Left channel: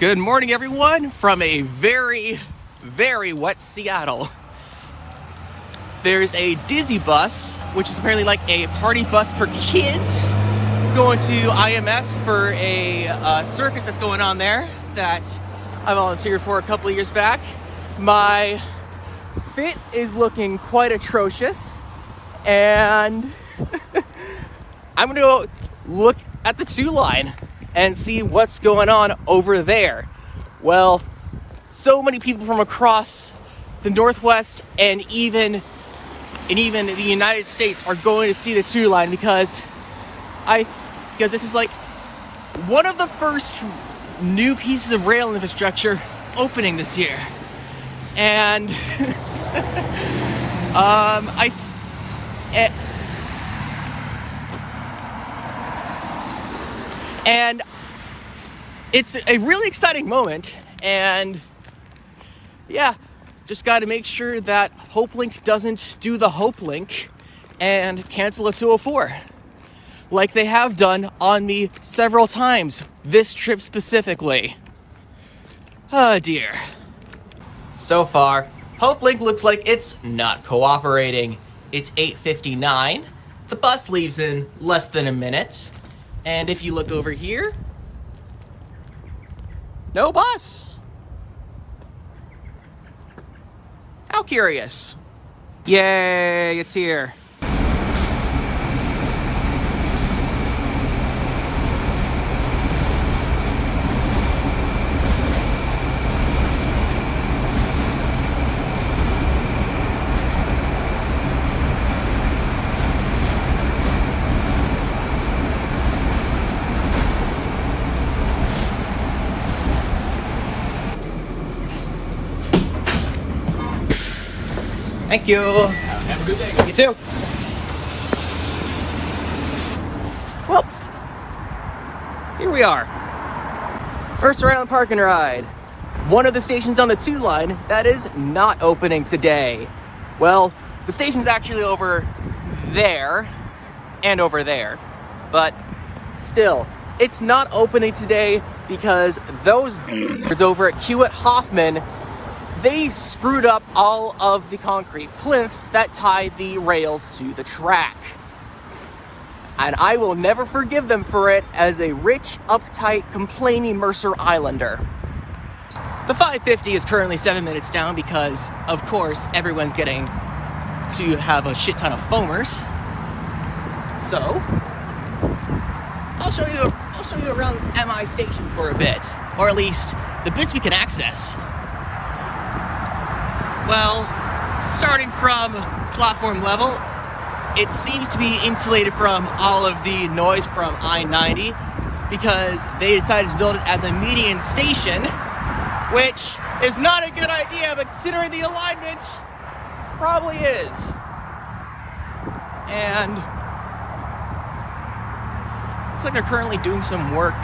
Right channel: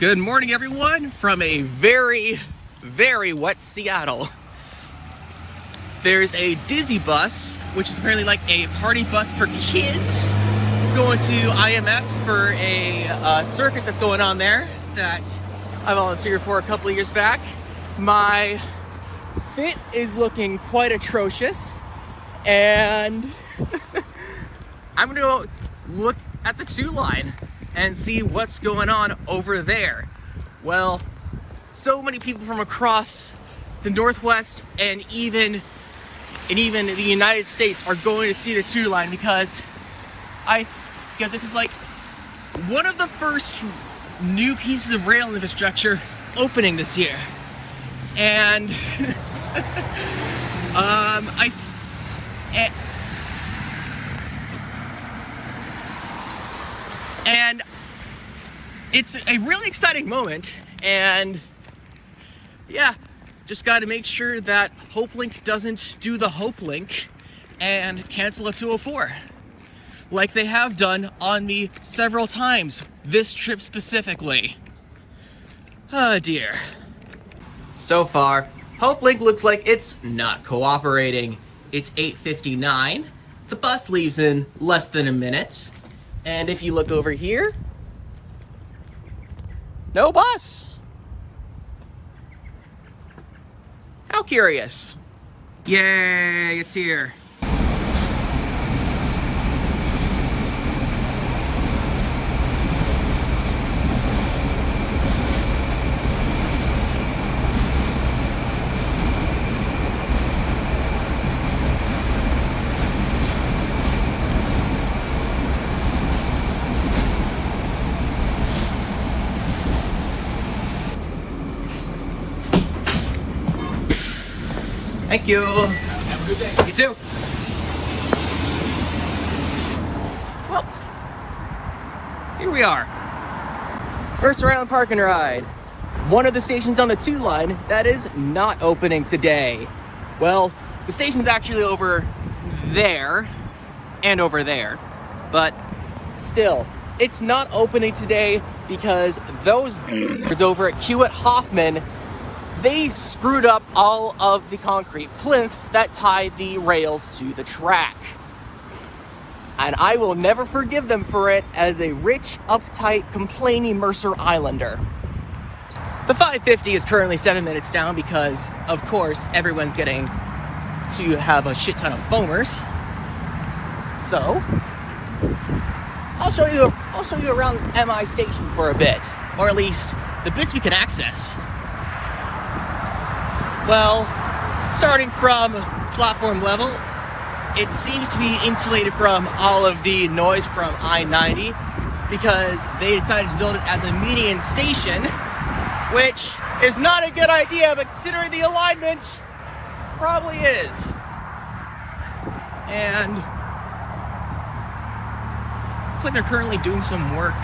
Good morning, everyone, from a very, very wet Seattle. There's a Dizzy bus, which is apparently like a party bus for kids, going to IMS for a circus that's going on there that I volunteered for a couple of years back. My fit is looking quite atrocious, and I'm gonna go look at the 2 line and see what's going on over there. Well, so many people from across the Northwest and even the United States are going to see the 2 line because this is like one of the first new pieces of rail infrastructure opening this year. And and it's a really exciting moment, and yeah, just got to make sure that HopeLink doesn't do the HopeLink and cancel a 204 like they have done on me several times this trip specifically. Oh dear. So far, HopeLink looks like it's not cooperating. It's 8:59. The bus leaves in less than a minute. And if you look over here, no bus. How curious. Yay, it's here. Thank you. Have a good day. You too. Well, here we are. Mercer Island Park and Ride. One of the stations on the 2 line that is not opening today. Well, the station's actually over there and over there, but still, it's not opening today because those birds over at Hewitt Hoffman, they screwed up all of the concrete plinths that tie the rails to the track. And I will never forgive them for it as a rich, uptight, complaining Mercer Islander. The 550 is currently 7 minutes down because, of course, everyone's getting to have a shit ton of foamers. So, I'll show you around MI Station for a bit, or at least the bits we can access. Well, starting from platform level, it seems to be insulated from all of the noise from I-90 because they decided to build it as a median station, which is not a good idea, but considering the alignment, probably is. And looks like they're currently doing some work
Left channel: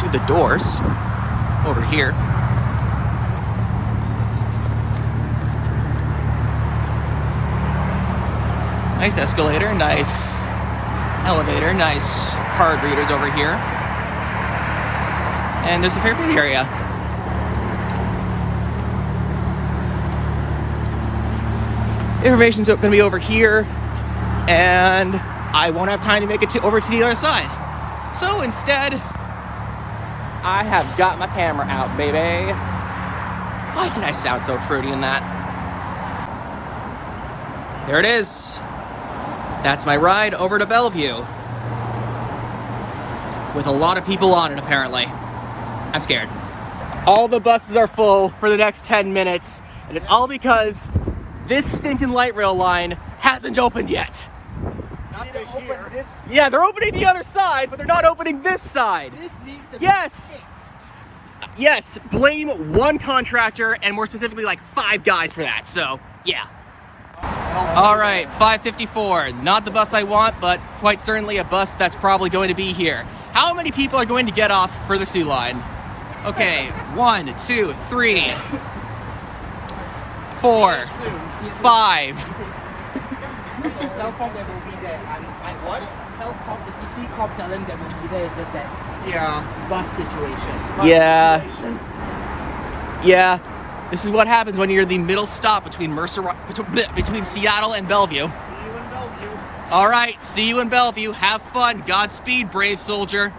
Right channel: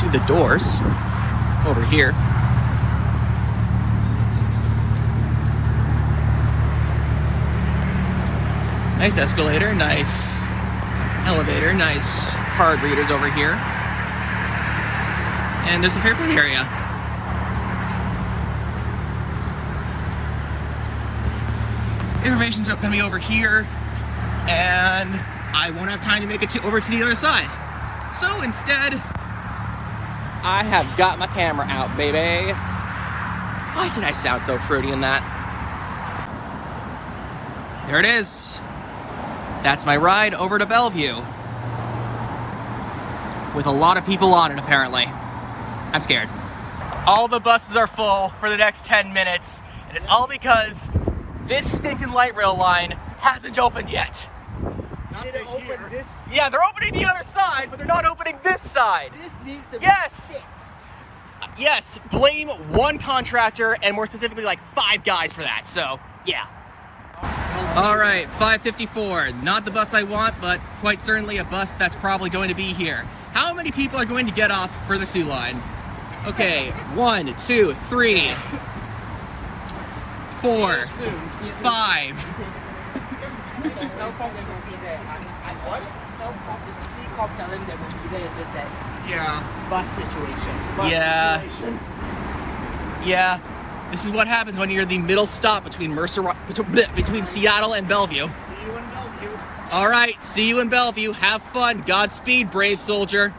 to the doors over here. Nice escalator, nice elevator, nice card readers over here. And there's a fairplay area. Information's going to be over here, and I won't have time to make it over to the other side. So instead, I have got my camera out, baby. Why did I sound so fruity in that? There it is. That's my ride over to Bellevue. With a lot of people on it, apparently. I'm scared. All the buses are full for the next 10 minutes, and it's all because this stinking light rail line hasn't opened yet. Not to open this. Yeah, they're opening the other side, but they're not opening this side. This needs to be fixed. Yes, blame one contractor, and more specifically like 5 guys for that, so yeah. All right, 554, not the bus I want, but quite certainly a bus that's probably going to be here. How many people are going to get off for the 2 line? Okay, 1, 2, 3, 4, 5. today is just that Yeah. bus situation. Yeah. Yeah. This is what happens when you're the middle stop between between Seattle and Bellevue. See you in Bellevue. All right, see you in Bellevue. Have fun. Godspeed, brave soldier.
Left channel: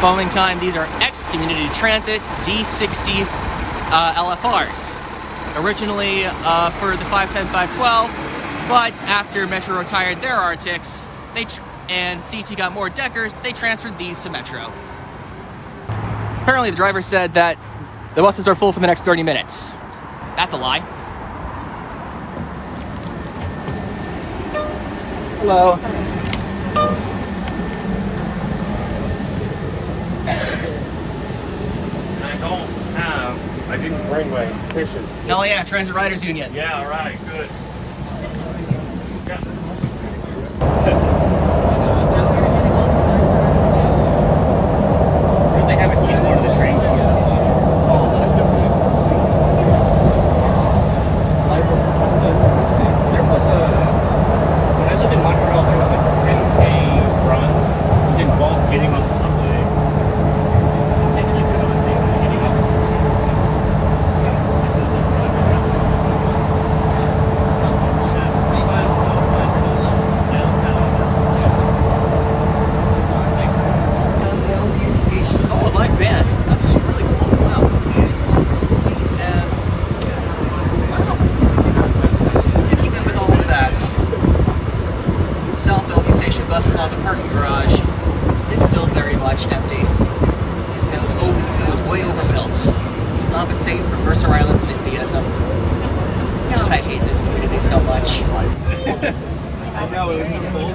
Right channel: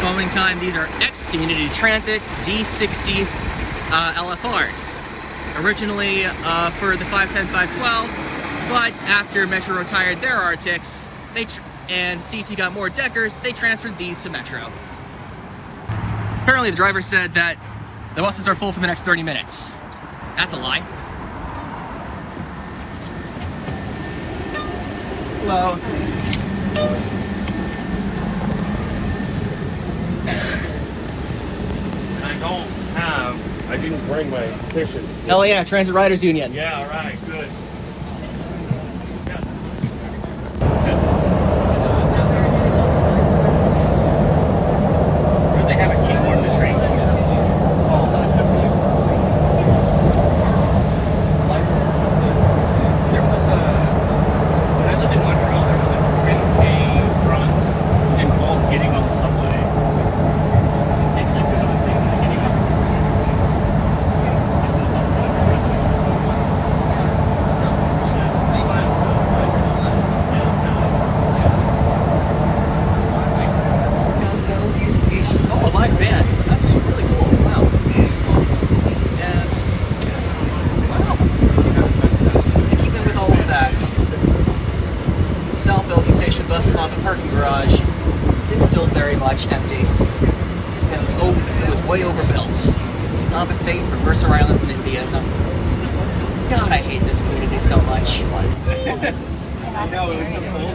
Following time, these are ex-Community Transit D60 LFRs. Originally for the 510, 512, but after Metro retired their Arctics, and CT got more Deckers, they transferred these to Metro. Apparently the driver said that the buses are full for the next 30 minutes. That's a lie. Hello. I didn't bring my petition. Hell yeah, Transit Riders Union. Yeah, all right, good. They have a TV in the train. There was when I lived in Montreal, there was a 10K run. It was involved getting on the subway. Oh, a live band. That's really cool. Wow. And wow. And even with all of that, the South Bellevue Station Bus Plaza parking garage is still very much empty because it was way overbuilt to compensate for Mercer Island's NIMBYism. God, I hate this community so much.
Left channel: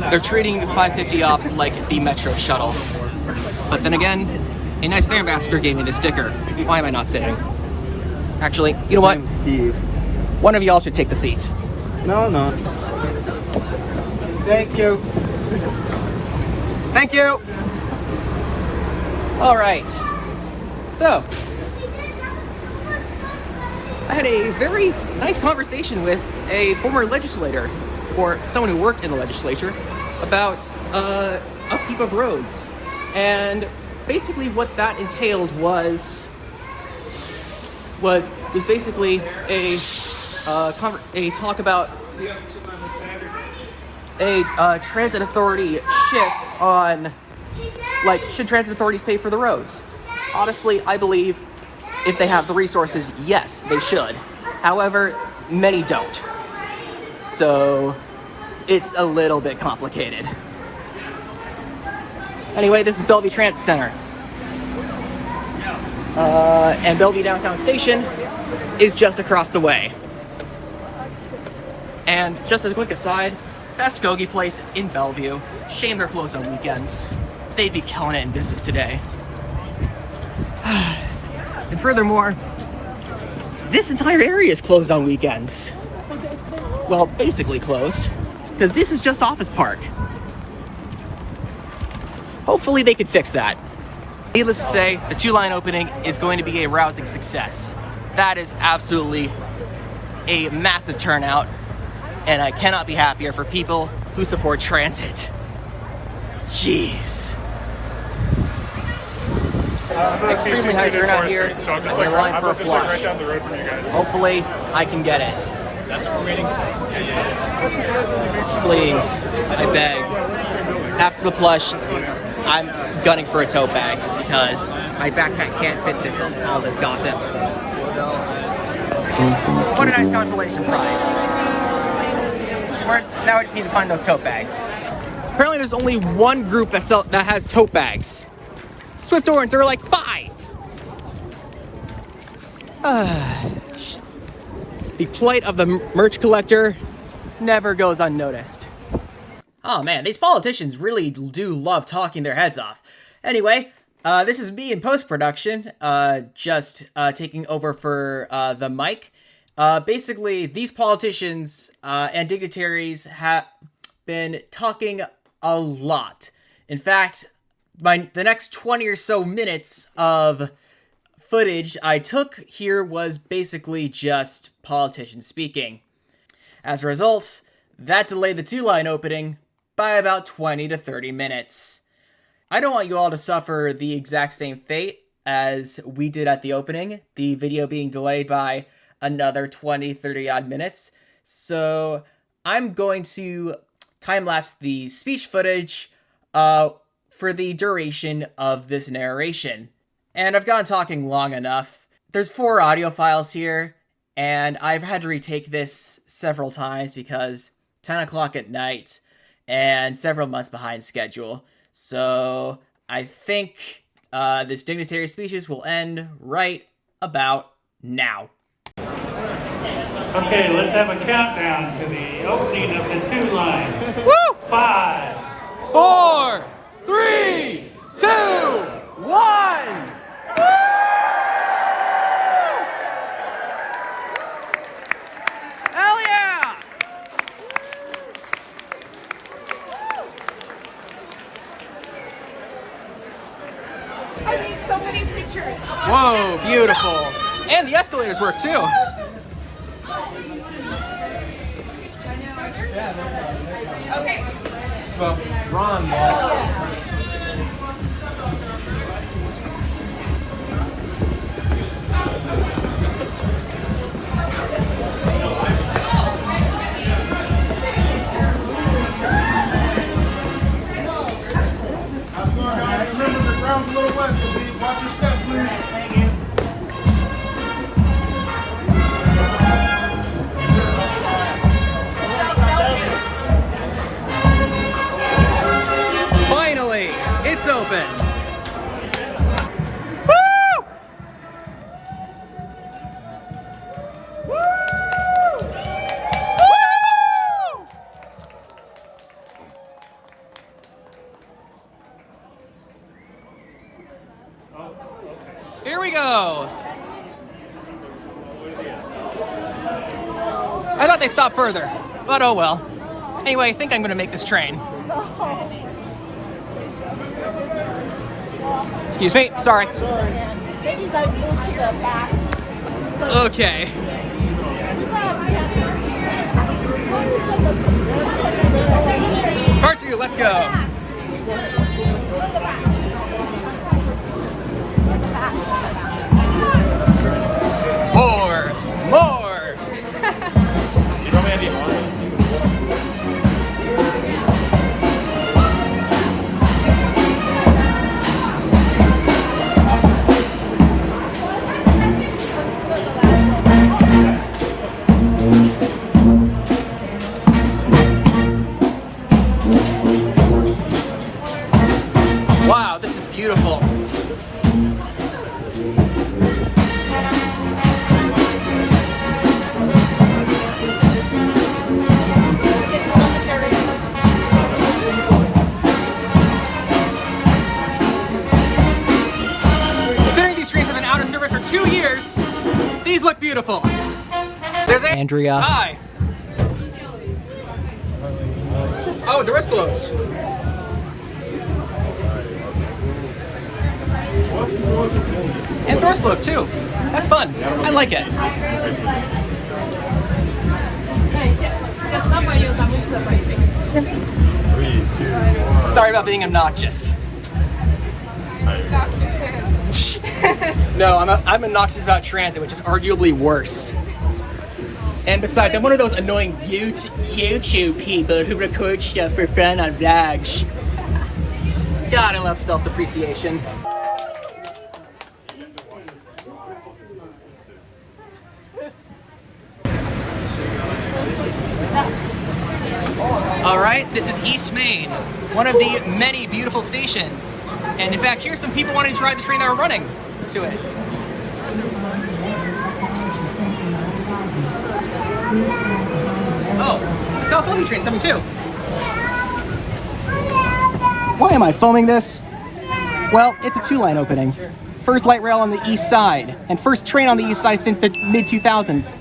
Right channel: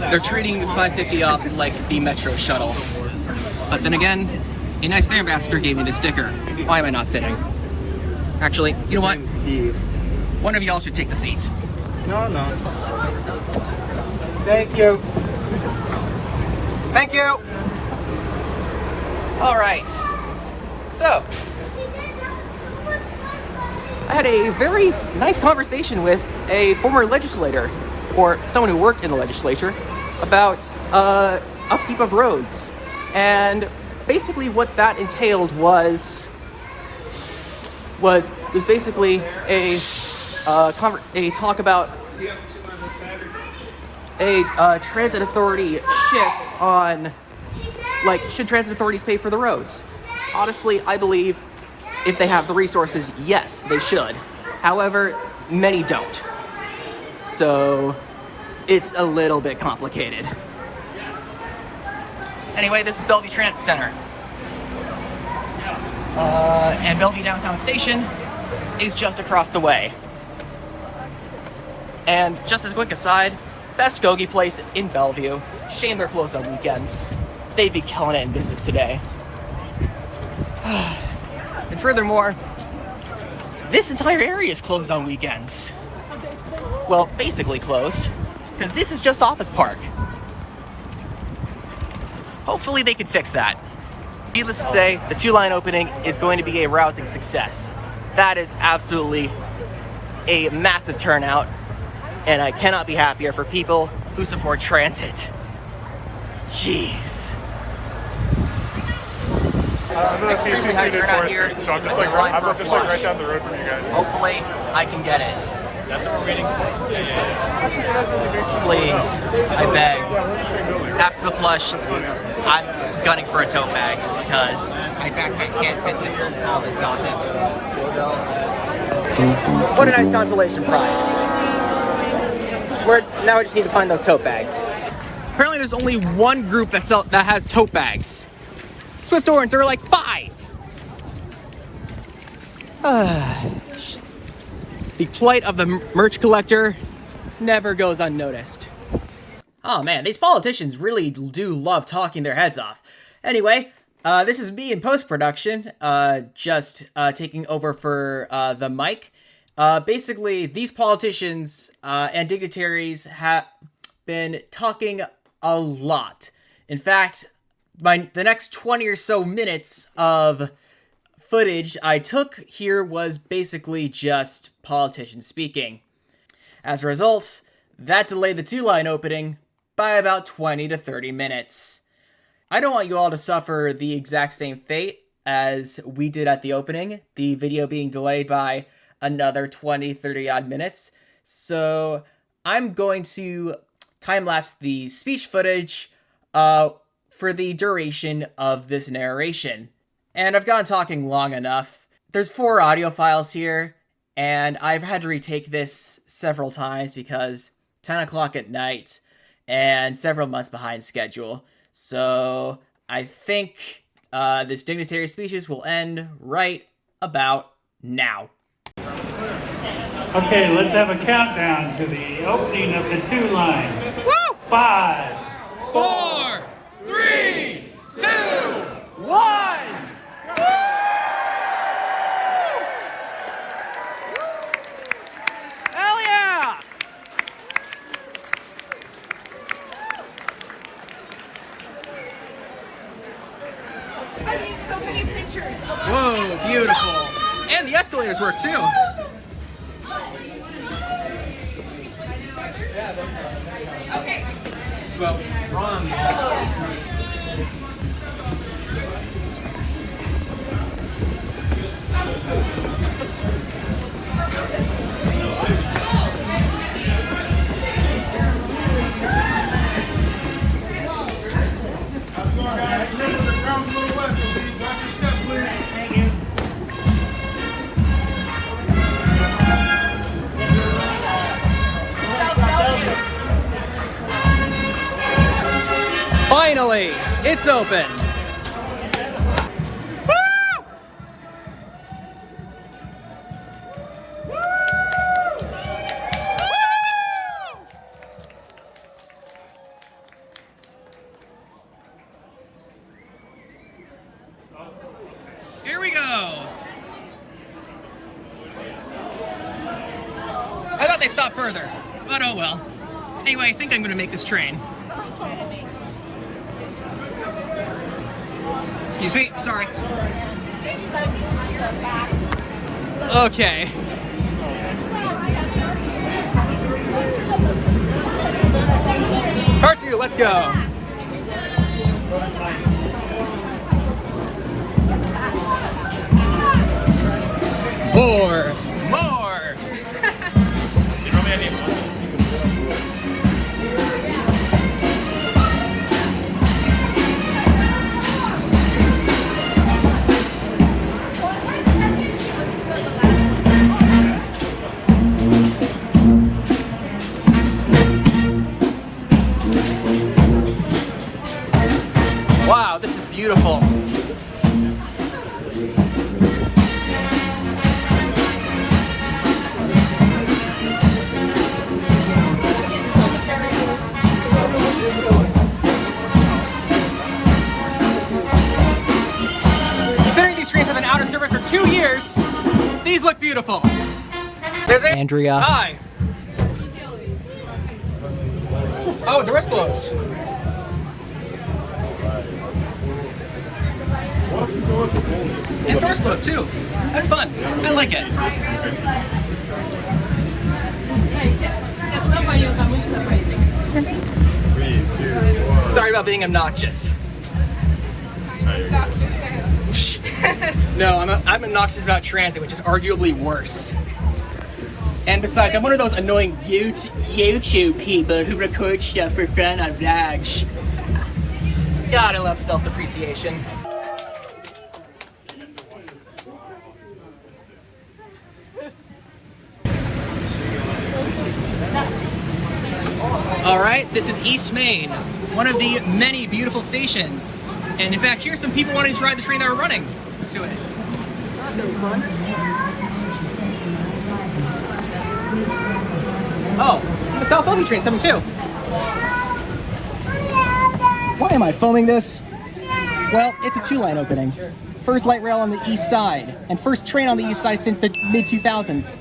They're treating 550 ops like the Metro shuttle. But then again, a nice fan ambassador gave me the sticker. Why am I not sitting? Actually, you know what? Steve. One of y'all should take the seat. No. Thank you. Thank you. All right. So, I had a very nice conversation with a former legislator, or someone who worked in the legislature, about upkeep of roads. And basically what that entailed was basically a talk about a transit authority shift on, like, should transit authorities pay for the roads? Honestly, I believe if they have the resources, yes, they should. However, many don't. So it's a little bit complicated. Anyway, this is Bellevue Transit Center. And Bellevue Downtown Station is just across the way. And just as a quick aside, best Gogi place in Bellevue. Shame they're closed on weekends. They'd be killing it in business today. And furthermore, this entire area is closed on weekends. Well, basically closed, because this is just Office Park. Hopefully they could fix that. Needless to say, the two-line opening is going to be a rousing success. That is absolutely a massive turnout, and I cannot be happier for people who support transit. Jeez. Extremely high turnout here. So I'm just like right down the road from you guys. Hopefully, I can get it. Please, I beg. After the plush, I'm gunning for a tote bag because my backpack can't fit this all this content. What a nice consolation prize. Now we just need to find those tote bags. Apparently, there's only one group that has tote bags. Swift Orange, there are like 5. The plight of the merch collector never goes unnoticed. Oh man, these politicians really do love talking their heads off. Anyway, this is me in post-production, just taking over for the mic. Basically, these politicians and dignitaries have been talking a lot. In fact, The next 20 or so minutes of footage I took here was basically just politicians speaking. As a result, that delayed the two-line opening by about 20 to 30 minutes. I don't want you all to suffer the exact same fate as we did at the opening, the video being delayed by another 20, 30 odd minutes. So I'm going to time-lapse the speech footage for the duration of this narration. And I've gone talking long enough. There's 4 audio files here, and I've had to retake this several times because 10 o'clock at night and several months behind schedule. So I think this dignitary speeches will end right about now. Okay, let's have a countdown to the opening of the two-line. Woo! 5, 4, 3, 2, 1! Woo! Hell yeah! I mean, so many pictures. Whoa, beautiful. And the escalators work too. Okay. Well, Ron. Remember the ground's a little wet, so please watch your step, please. Finally, it's open. Woo! Woo! Woo! Here we go. I thought they'd stop further, but oh well. Anyway, I think I'm gonna make this train. Excuse me, sorry. Okay. Part 2, let's go. More. Wow, this is beautiful. Considering these trains have been out of service for 2 years, these look beautiful. There's Andrea. Hi. Oh, the door's closed. And the door's closed too. That's fun. I like it. Sorry about being obnoxious. No, I'm obnoxious about transit, which is arguably worse. And besides, I'm one of those annoying YouTube people who record stuff for fun on vlogs. God, I love self-depreciation. All right, this is East Main, one of the many beautiful stations. And in fact, here's some people wanting to ride the train that are running to it. Oh, the South Bellevue train's coming too. Why am I filming this? Well, it's a 2-line opening. First light rail on the east side, and first train on the east side since the mid-2000s.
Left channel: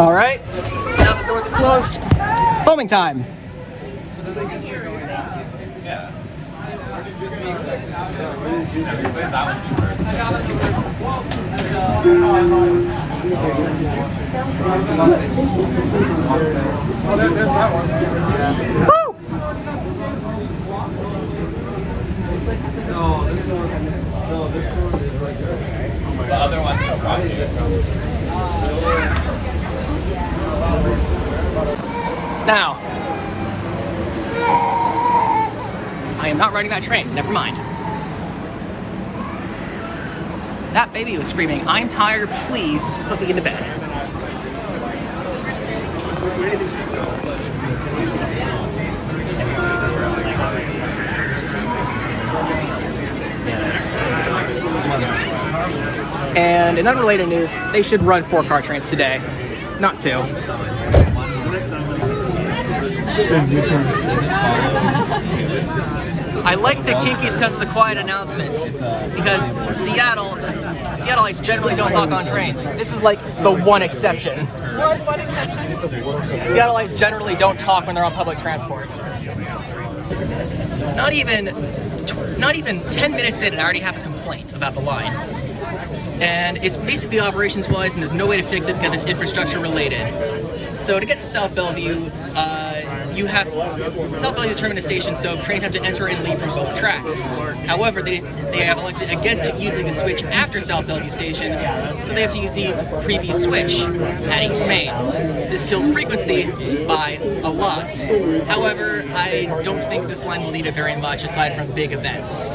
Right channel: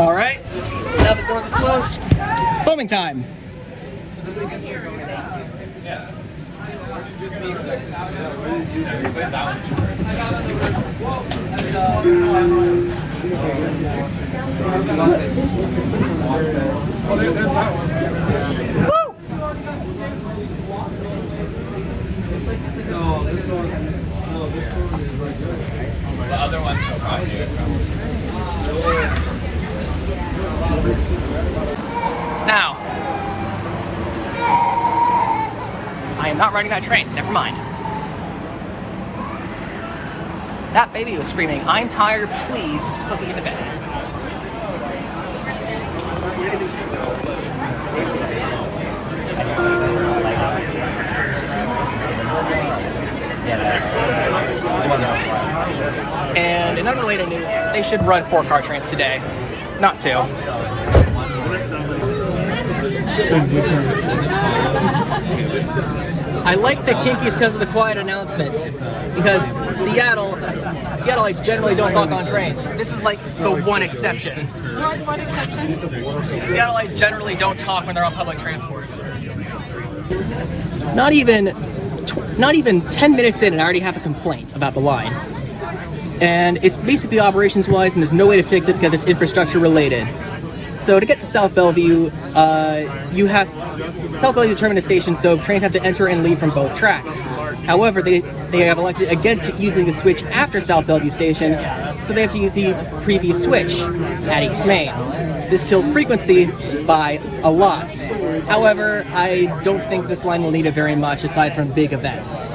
All right, now the doors are closed. Filming time. Now, I am not riding that train. Never mind. That baby was screaming, "I'm tired, please put me into bed." And in unrelated news, they should run 4-car trains today, not 2. I like the Kinkies because of the quiet announcements. Because Seattleites generally don't talk on trains. This is like the one exception. Seattleites generally don't talk when they're on public transport. Not even 10 minutes in and I already have a complaint about the line. And it's basically operations-wise, and there's no way to fix it because it's infrastructure-related. So to get to South Bellevue, South Bellevue is a terminus station, so trains have to enter and leave from both tracks. However, they have elected against using the switch after South Bellevue Station, so they have to use the previous switch at East Main. This kills frequency by a lot. However, I don't think this line will need it very much aside from big events.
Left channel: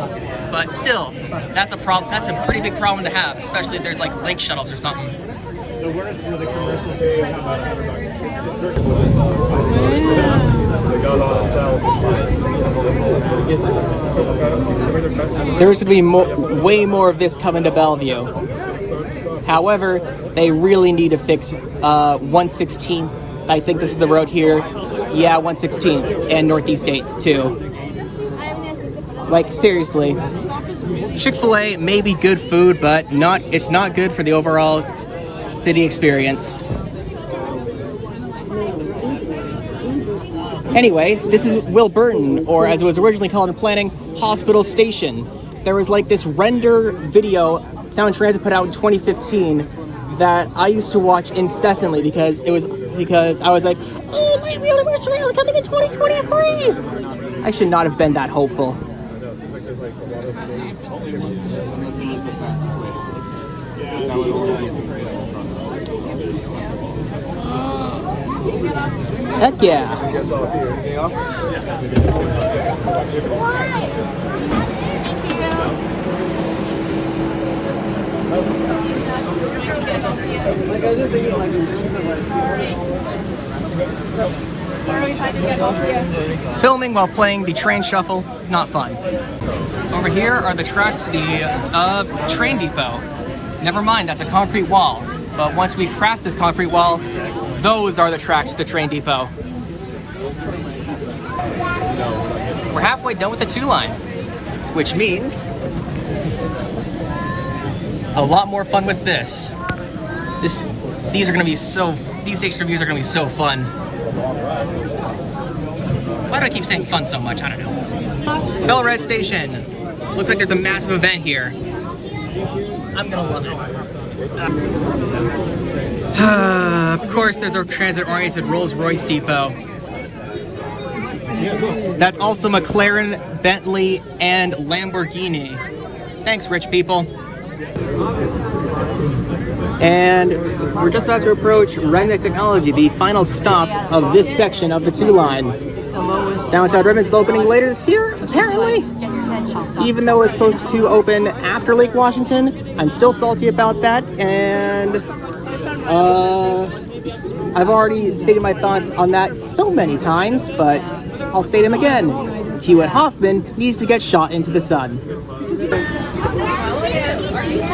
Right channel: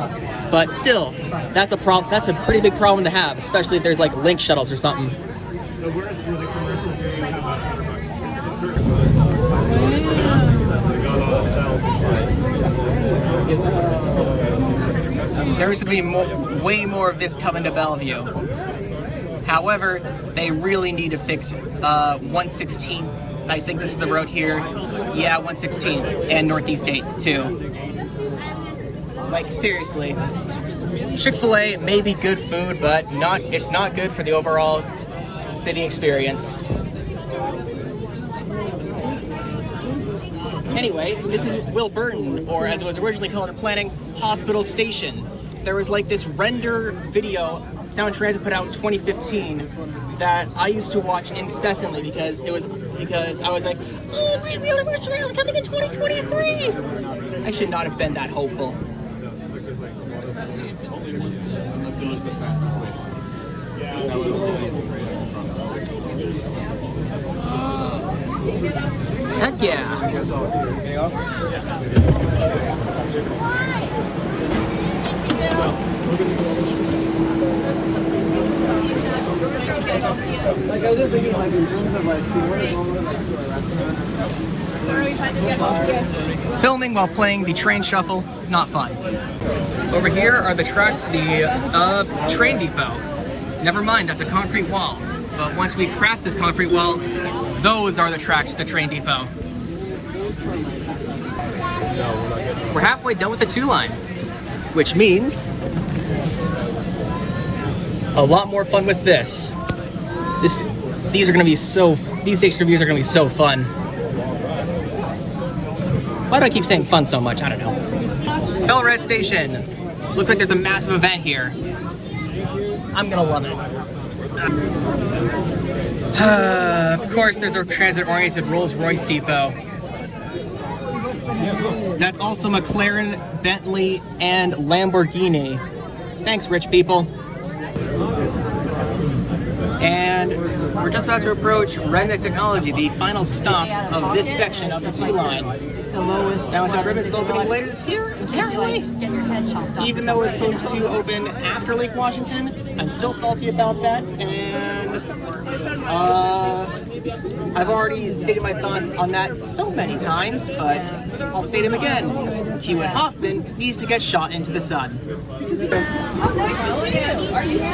But still, that's a pretty big problem to have, especially if there's like link shuttles or something. So where's where the commercials are? They got all that south. There's going to be way more of this coming to Bellevue. However, they really need to fix 116th. I think this is the road here. Yeah, 116th and Northeast 8th too. Like seriously, Chick-fil-A may be good food, but it's not good for the overall city experience. Anyway, this is Wilburton, or as it was originally called in planning, Hospital Station. There was like this render video Sound Transit put out in 2015 that I used to watch incessantly because I was like, oh, my real anniversary coming in 2023. I should not have been that hopeful. Heck yeah. Filming while playing the train shuffle, not fun. Over here are the tracks to the train depot. Never mind, that's a concrete wall. But once we cross this concrete wall, those are the tracks to the train depot. We're halfway done with the 2 line, which means a lot more fun with this. These station reviews are gonna be so fun. Why do I keep saying fun so much? I don't know. Belred Station. Looks like there's a massive event here. I'm gonna love it. Of course, there's a transit-oriented Rolls-Royce depot. That's also McLaren, Bentley, and Lamborghini. Thanks, rich people. And we're just about to approach Redmond Technology, the final stop of this section of the 2 line. Downtown Redmond's opening later this year, apparently. Even though it's supposed to open after Lake Washington, I'm still salty about that, and I've already stated my thoughts on that so many times, but I'll state them again. Hewitt Hoffman needs to get shot into the sun.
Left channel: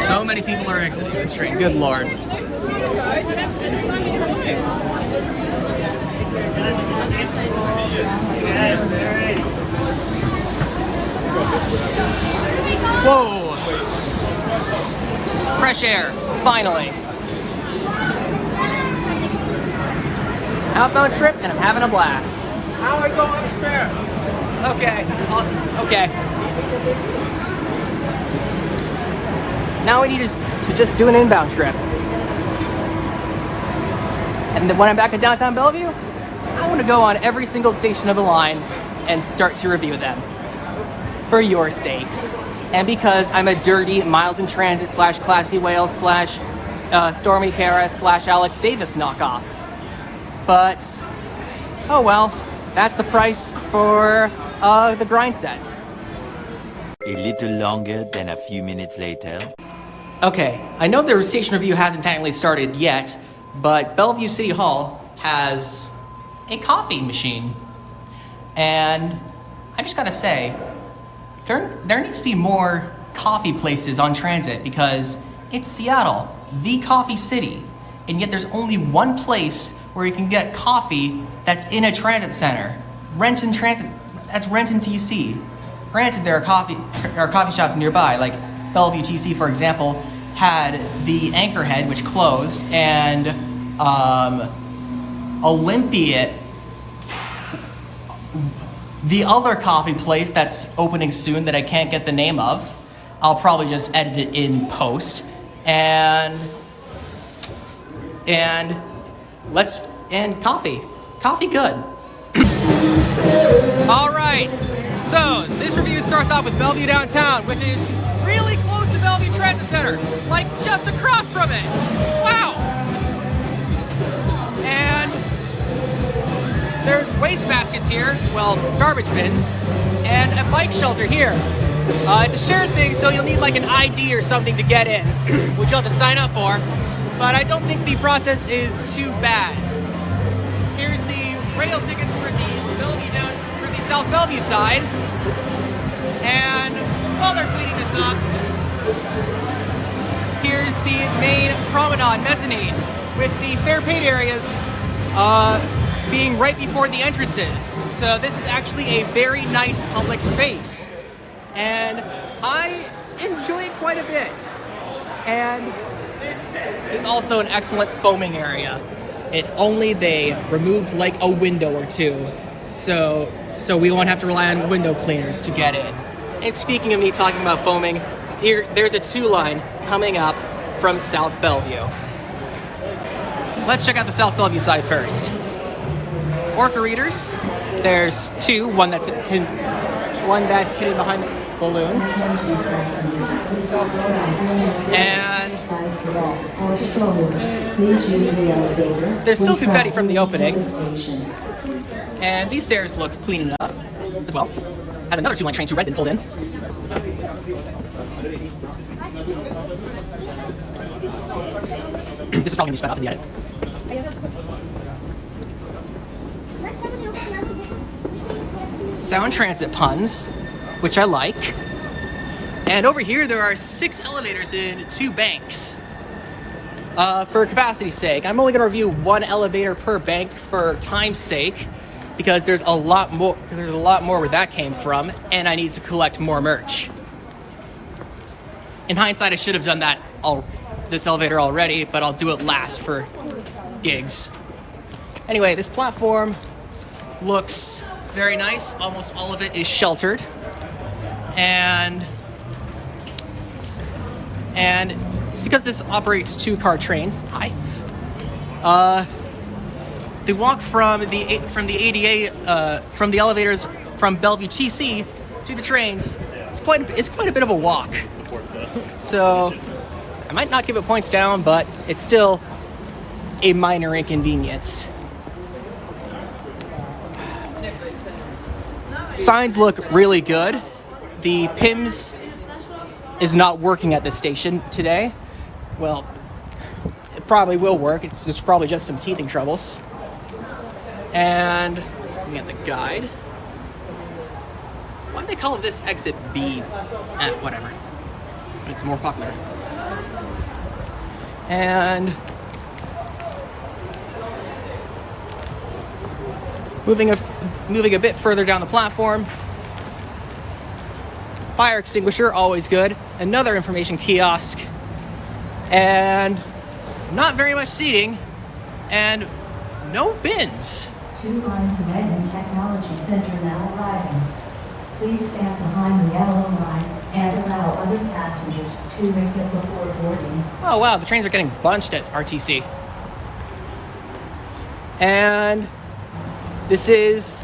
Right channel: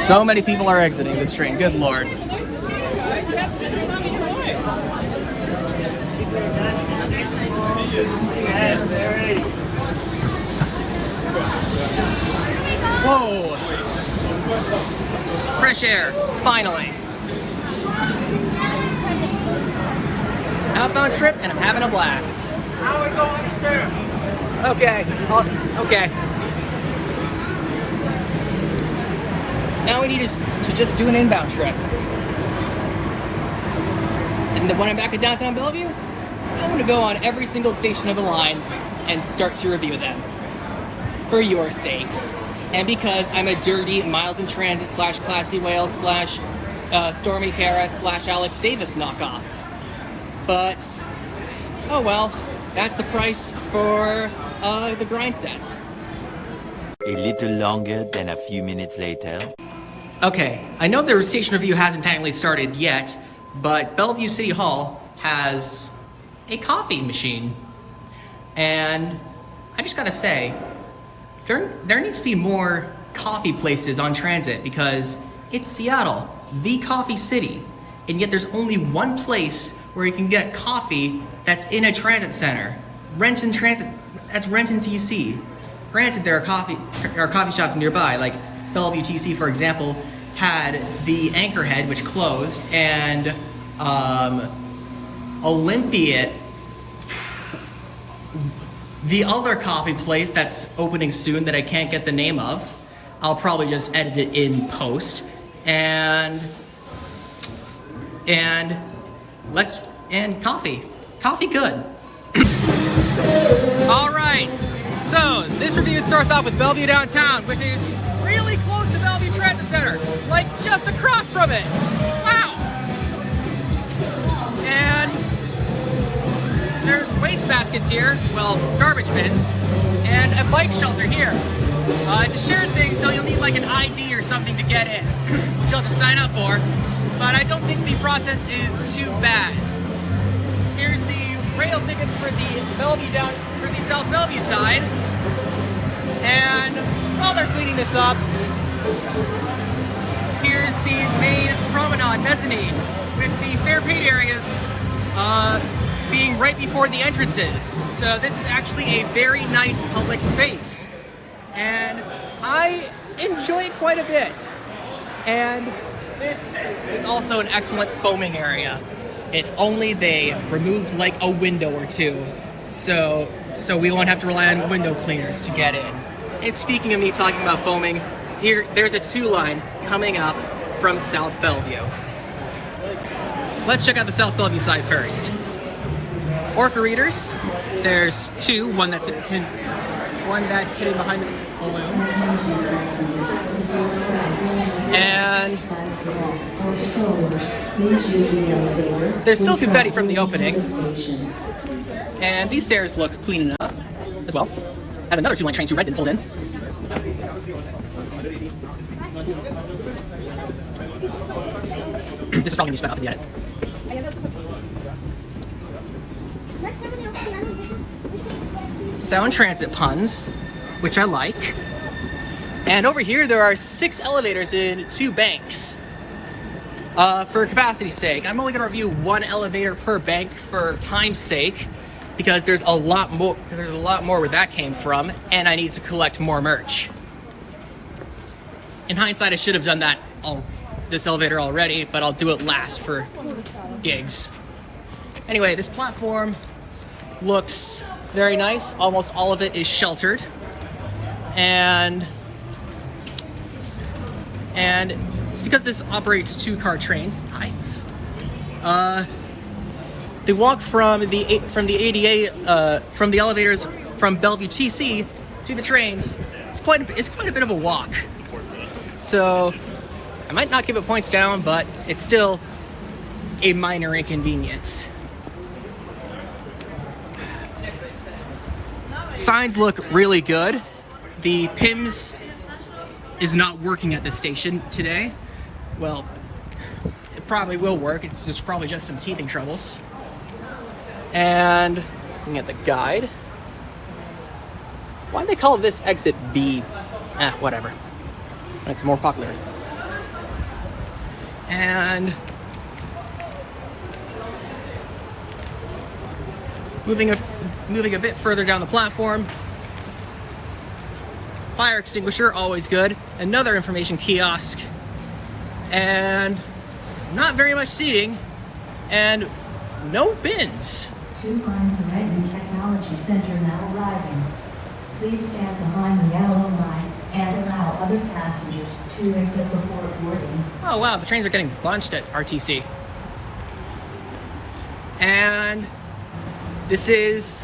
So many people are exiting this train, good lord. Whoa! Fresh air, finally. outbound trip, and I'm having a blast. Okay, okay. Now we need to just do an inbound trip. And then when I'm back at downtown Bellevue, I want to go on every single station of the line and start to review them. For your sakes. And because I'm a dirty Miles in Transit / Classy Wales / Stormy Cara / Alex Davis knockoff. But, oh well, that's the price for the grind set. A little longer than a few minutes later. Okay, I know the station review hasn't technically started yet, but Bellevue City Hall has a coffee machine. And I just gotta say, there needs to be more coffee places on transit because it's Seattle, the coffee city. And yet there's only one place where you can get coffee that's in a transit center. Renton Transit, that's Renton TC. Granted, there are coffee shops nearby, like Bellevue TC, for example, had the Anchorhead, which closed, and Olympiat, the other coffee place that's opening soon that I can't get the name of. I'll probably just edit it in post. And coffee. Coffee good. All right. So this review starts off with Bellevue Downtown, which is really close to Bellevue Transit Center, like just across from it. Wow. And there's waste baskets here, well, garbage bins, and a bike shelter here. It's a shared thing, so you'll need like an ID or something to get in, which you'll have to sign up for. But I don't think the process is too bad. Here's the rail tickets for Bellevue down for the South Bellevue side. And while they're cleaning this up, here's the main promenade mezzanine with the fare paid areas being right before the entrances. So this is actually a very nice public space. And I enjoy it quite a bit. And this is also an excellent foaming area. If only they removed like a window or two, so we won't have to rely on window cleaners to get in. And speaking of me talking about foaming, there's a 2-line coming up from South Bellevue. Let's check out the South Bellevue side first. Orca readers, there's 2, one that's hidden behind the balloons. And there's still confetti from the opening. And these stairs look clean enough as well. As another 2-line train to Redmond pulled in. This is probably going to be sped up in the edit. Sound transit puns, which I like. And over here there are 6 elevators in 2 banks. For capacity's sake, I'm only going to review 1 elevator per bank for time's sake, because there's a lot more where that came from, and I need to collect more merch. In hindsight, I should have done this elevator already, but I'll do it last for gigs. Anyway, this platform looks very nice. Almost all of it is sheltered. And it's because this operates 2-car trains. The walk from the ADA, from the elevators from Bellevue TC to the trains, it's quite a bit of a walk. So I might not give it points down, but it's still a minor inconvenience. Signs look really good. The PIMS is not working at this station today. Well, it probably will work. There's probably just some teething troubles. And looking at the guide. Why do they call this exit B? Whatever. It's more popular. And moving a bit further down the platform. Fire extinguisher, always good. Another information kiosk. And not very much seating. And no bins. 2 line to Redmond Technology Center now arriving. Please stand behind the yellow line and allow other passengers to exit before boarding. Oh wow, the trains are getting bunched at RTC. And this is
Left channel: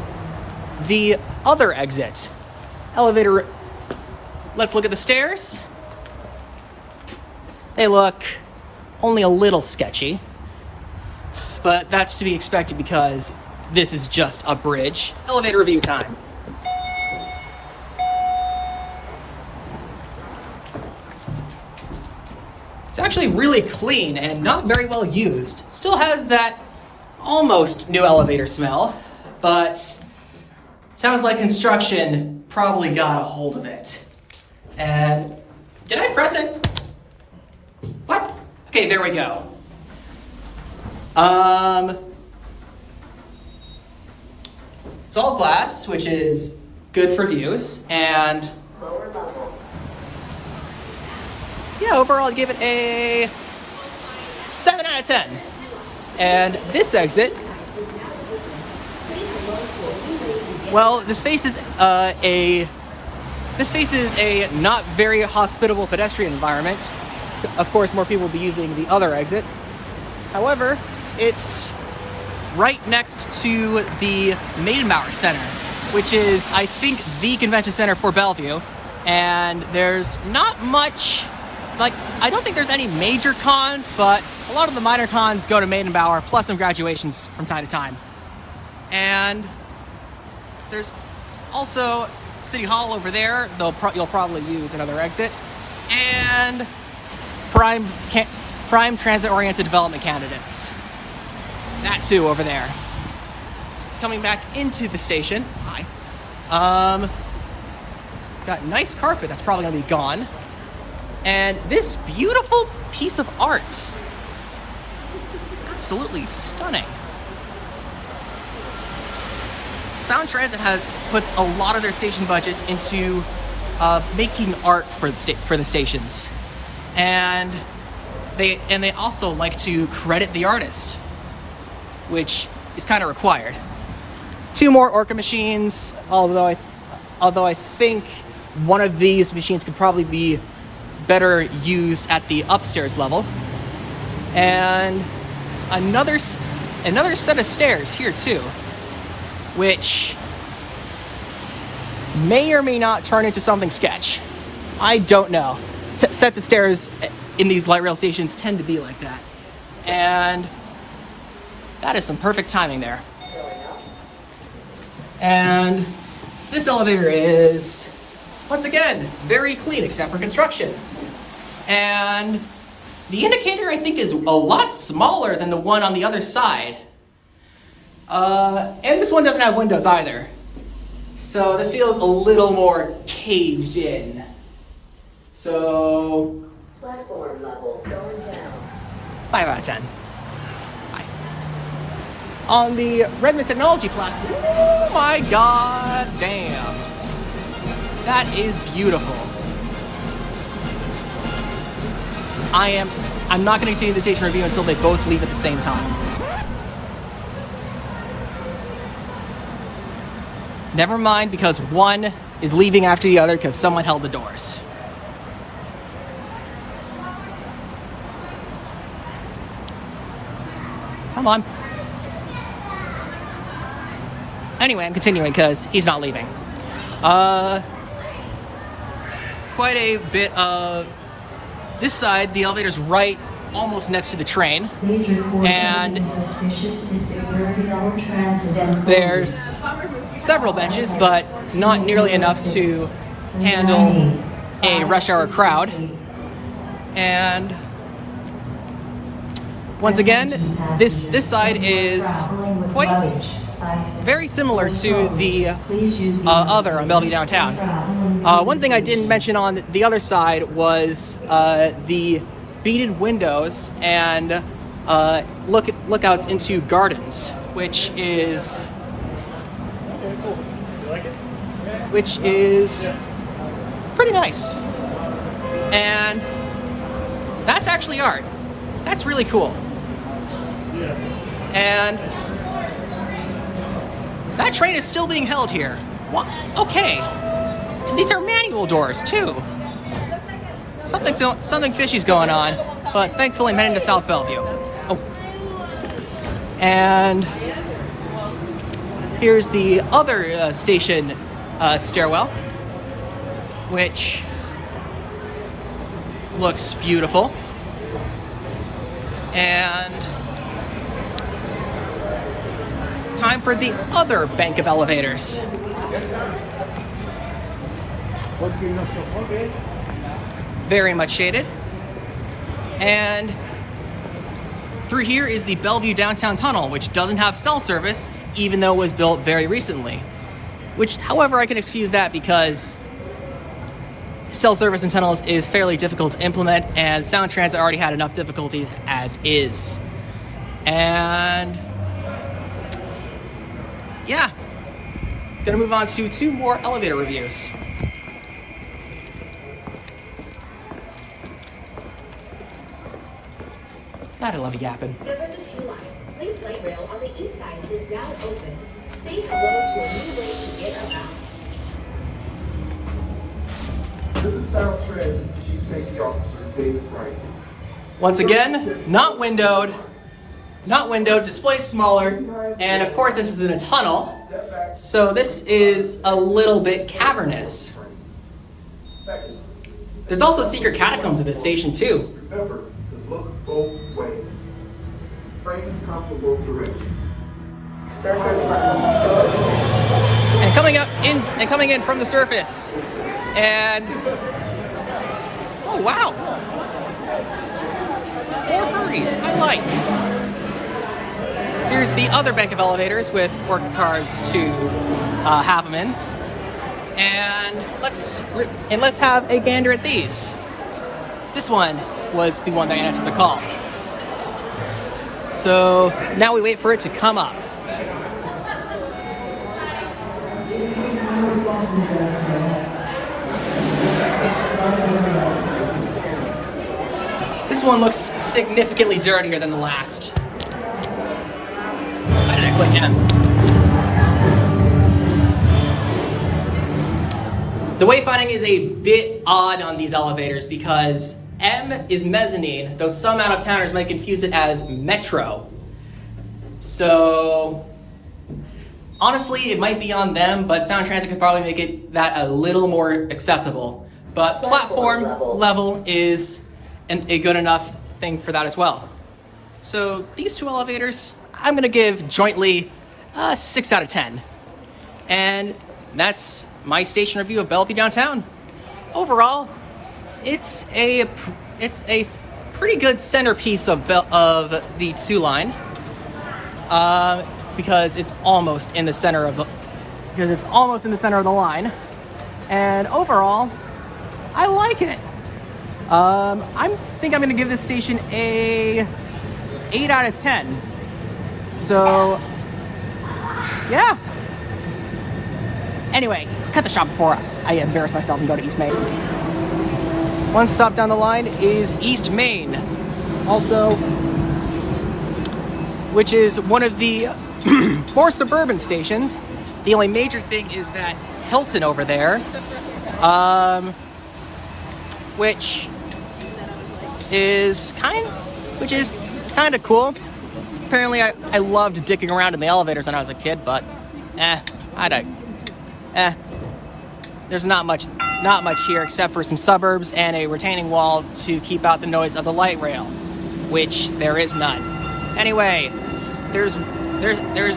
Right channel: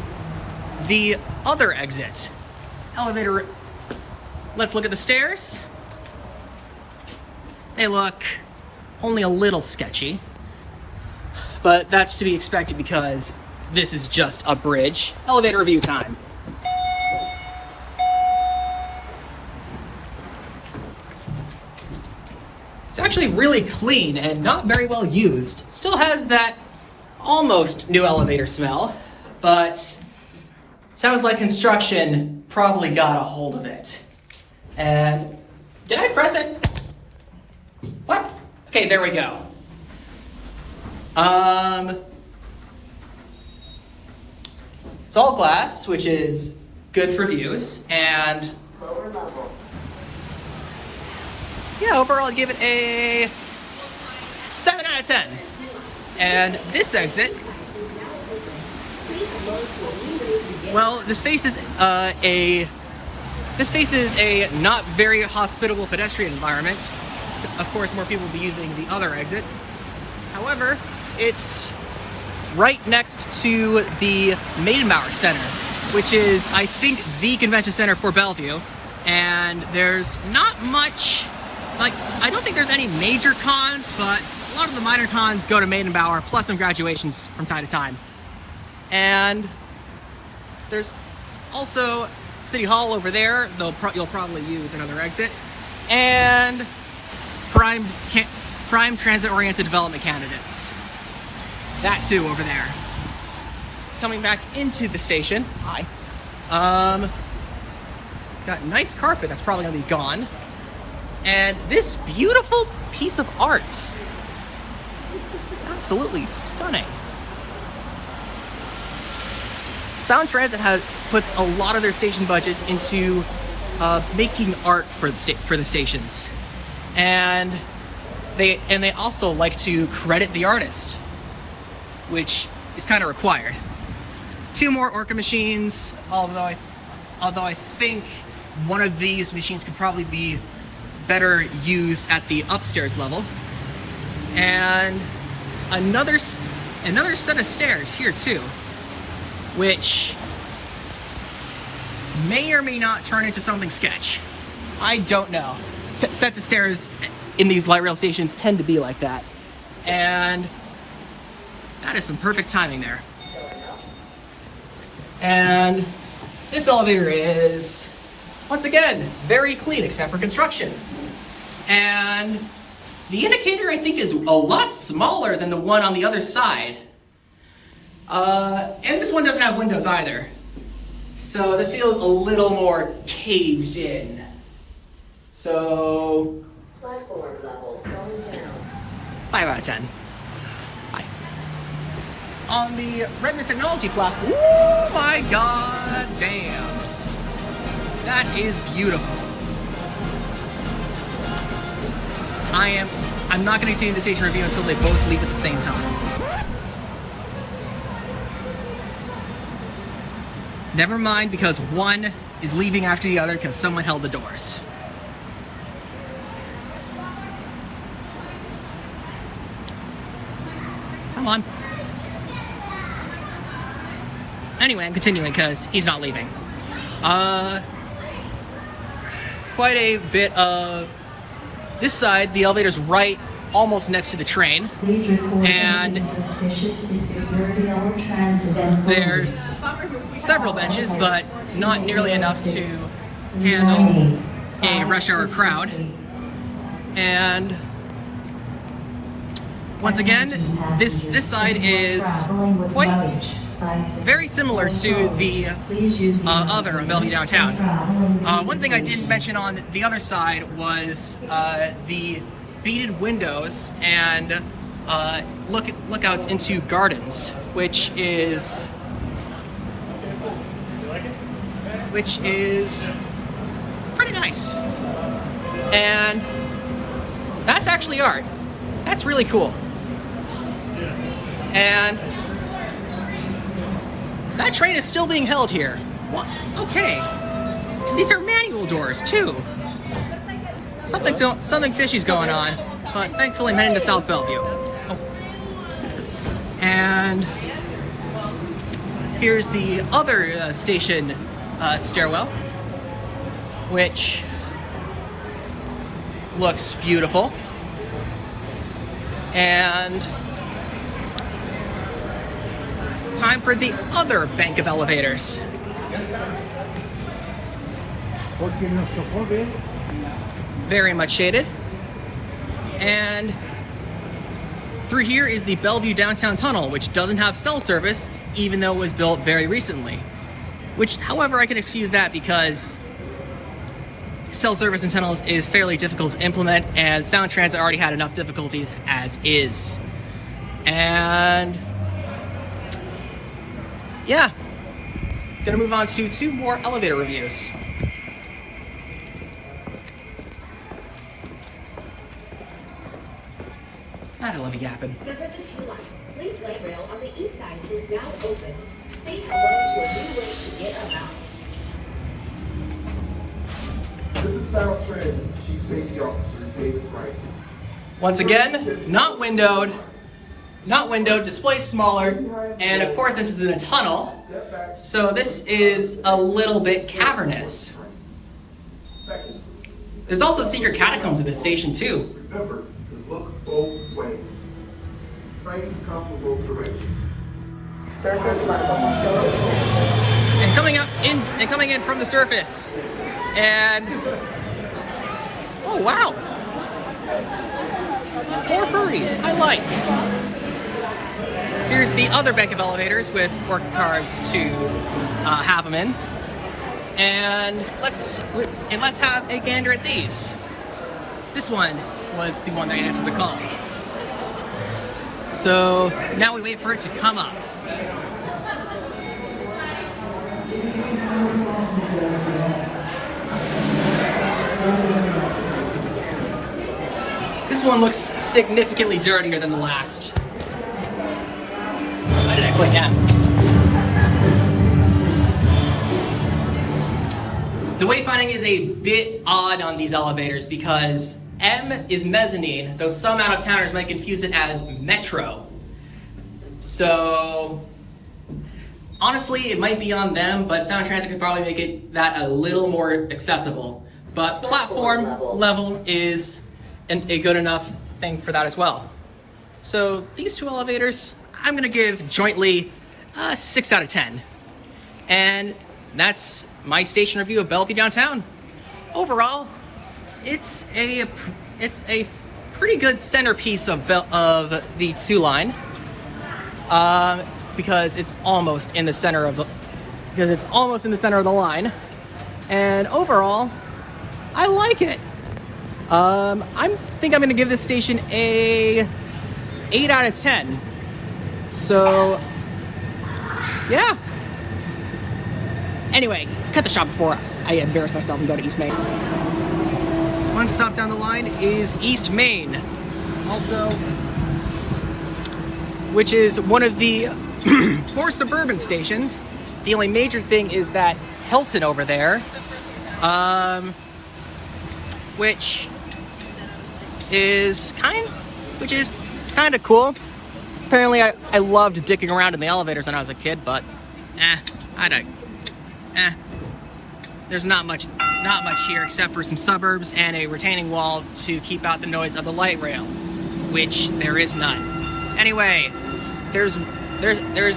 the other exit. Elevator. Let's look at the stairs. They look only a little sketchy, but that's to be expected because this is just a bridge. Elevator review time. It's actually really clean and not very well used. Still has that almost new elevator smell, but sounds like construction probably got a hold of it. And did I press it? What? Okay, there we go. It's all glass, which is good for views, and yeah, overall I'd give it a 7 out of 10. And this exit, well, this faces a not very hospitable pedestrian environment. Of course, more people will be using the other exit. However, it's right next to the Maidenbauer Center, which is, I think, the convention center for Bellevue. And there's not much, like, I don't think there's any major cons, but a lot of the minor cons go to Maidenbauer, plus some graduations from time to time. And there's also City Hall over there. You'll probably use another exit. And prime transit-oriented development candidates. That too over there. Coming back into the station. Hi. Got nice carpet that's probably gonna be gone. And this beautiful piece of art. Absolutely stunning. Sound Transit puts a lot of their station budget into making art for the stations. And they also like to credit the artist, which is kind of required. 2 more Orca machines, although I think one of these machines could probably be better used at the upstairs level. And another set of stairs here too, which may or may not turn into something sketch. I don't know. Sets of stairs in these light rail stations tend to be like that. And that is some perfect timing there. And this elevator is, once again, very clean except for construction. And the indicator, I think, is a lot smaller than the one on the other side. And this one doesn't have windows either. So this feels a little more caged in. So, Platform level going down. 5 out of 10. Hi. On the Redmond Technology platform, oh my god, damn. That is beautiful. I'm not going to continue the station review until they both leave at the same time. Never mind, because one is leaving after the other because someone held the doors. Come on. Anyway, I'm continuing because he's not leaving. Quite a bit of this side, the elevator's right almost next to the train. And there's several benches, but not nearly enough to handle a rush hour crowd. And once again, this side is quite very similar to the other on Bellevue downtown. One thing I didn't mention on the other side was the beaded windows and lookouts into gardens, which is pretty nice. And that's actually art. That's really cool. And that train is still being held here. What? Okay. These are manual doors too. Something fishy's going on, but thankfully I'm heading to South Bellevue. Oh. And here's the other station stairwell, which looks beautiful. And time for the other bank of elevators. Very much shaded. And through here is the Bellevue Downtown Tunnel, which doesn't have cell service, even though it was built very recently. Which, however, I can excuse that because cell service in tunnels is fairly difficult to implement, and Sound Transit already had enough difficulties as is. And yeah, gonna move on to 2 more elevator reviews. God, I love you yapping. Link light rail on the east side is now open. Say hello to a new way to get around. This is Sound Transit, Chief Safety Officer David Frank. Once again, not windowed, display smaller, and of course this is in a tunnel, so this is a little bit cavernous. There's also secret catacombs at this station too. Remember to look both ways. Train is comfortable direction. And coming in from the surface. And oh wow. 4 furries, I like. Here's the other bank of elevators with work cards to have them in. And let's have a gander at these. This one was the one that answered the call. So now we wait for it to come up. This one looks significantly dirtier than the last. Why did I click M? The wayfinding is a bit odd on these elevators because M is mezzanine, though some out-of-towners might confuse it as metro. So honestly, it might be on them, but Sound Transit could probably make that a little more accessible. But platform level is a good enough thing for that as well. So these 2 elevators, I'm gonna give jointly 6 out of 10. And that's my station review of Bellevue Downtown. Overall, it's a pretty good centerpiece of the 2 line. Because it's almost in the center of the line, and overall, I like it. I think I'm gonna give this station a 8 out of 10. So, yeah. Anyway, cut the shot before I embarrass myself and go to East Main. One stop down the line is East Main, also, which is one of the more suburban stations. The only major thing is that Hilton over there, which is kind of cool. Apparently, I loved dicking around in the elevators when I was a kid, but there's not much here except for some suburbs and a retaining wall to keep out the noise of the light rail, which there is none. Anyway, there's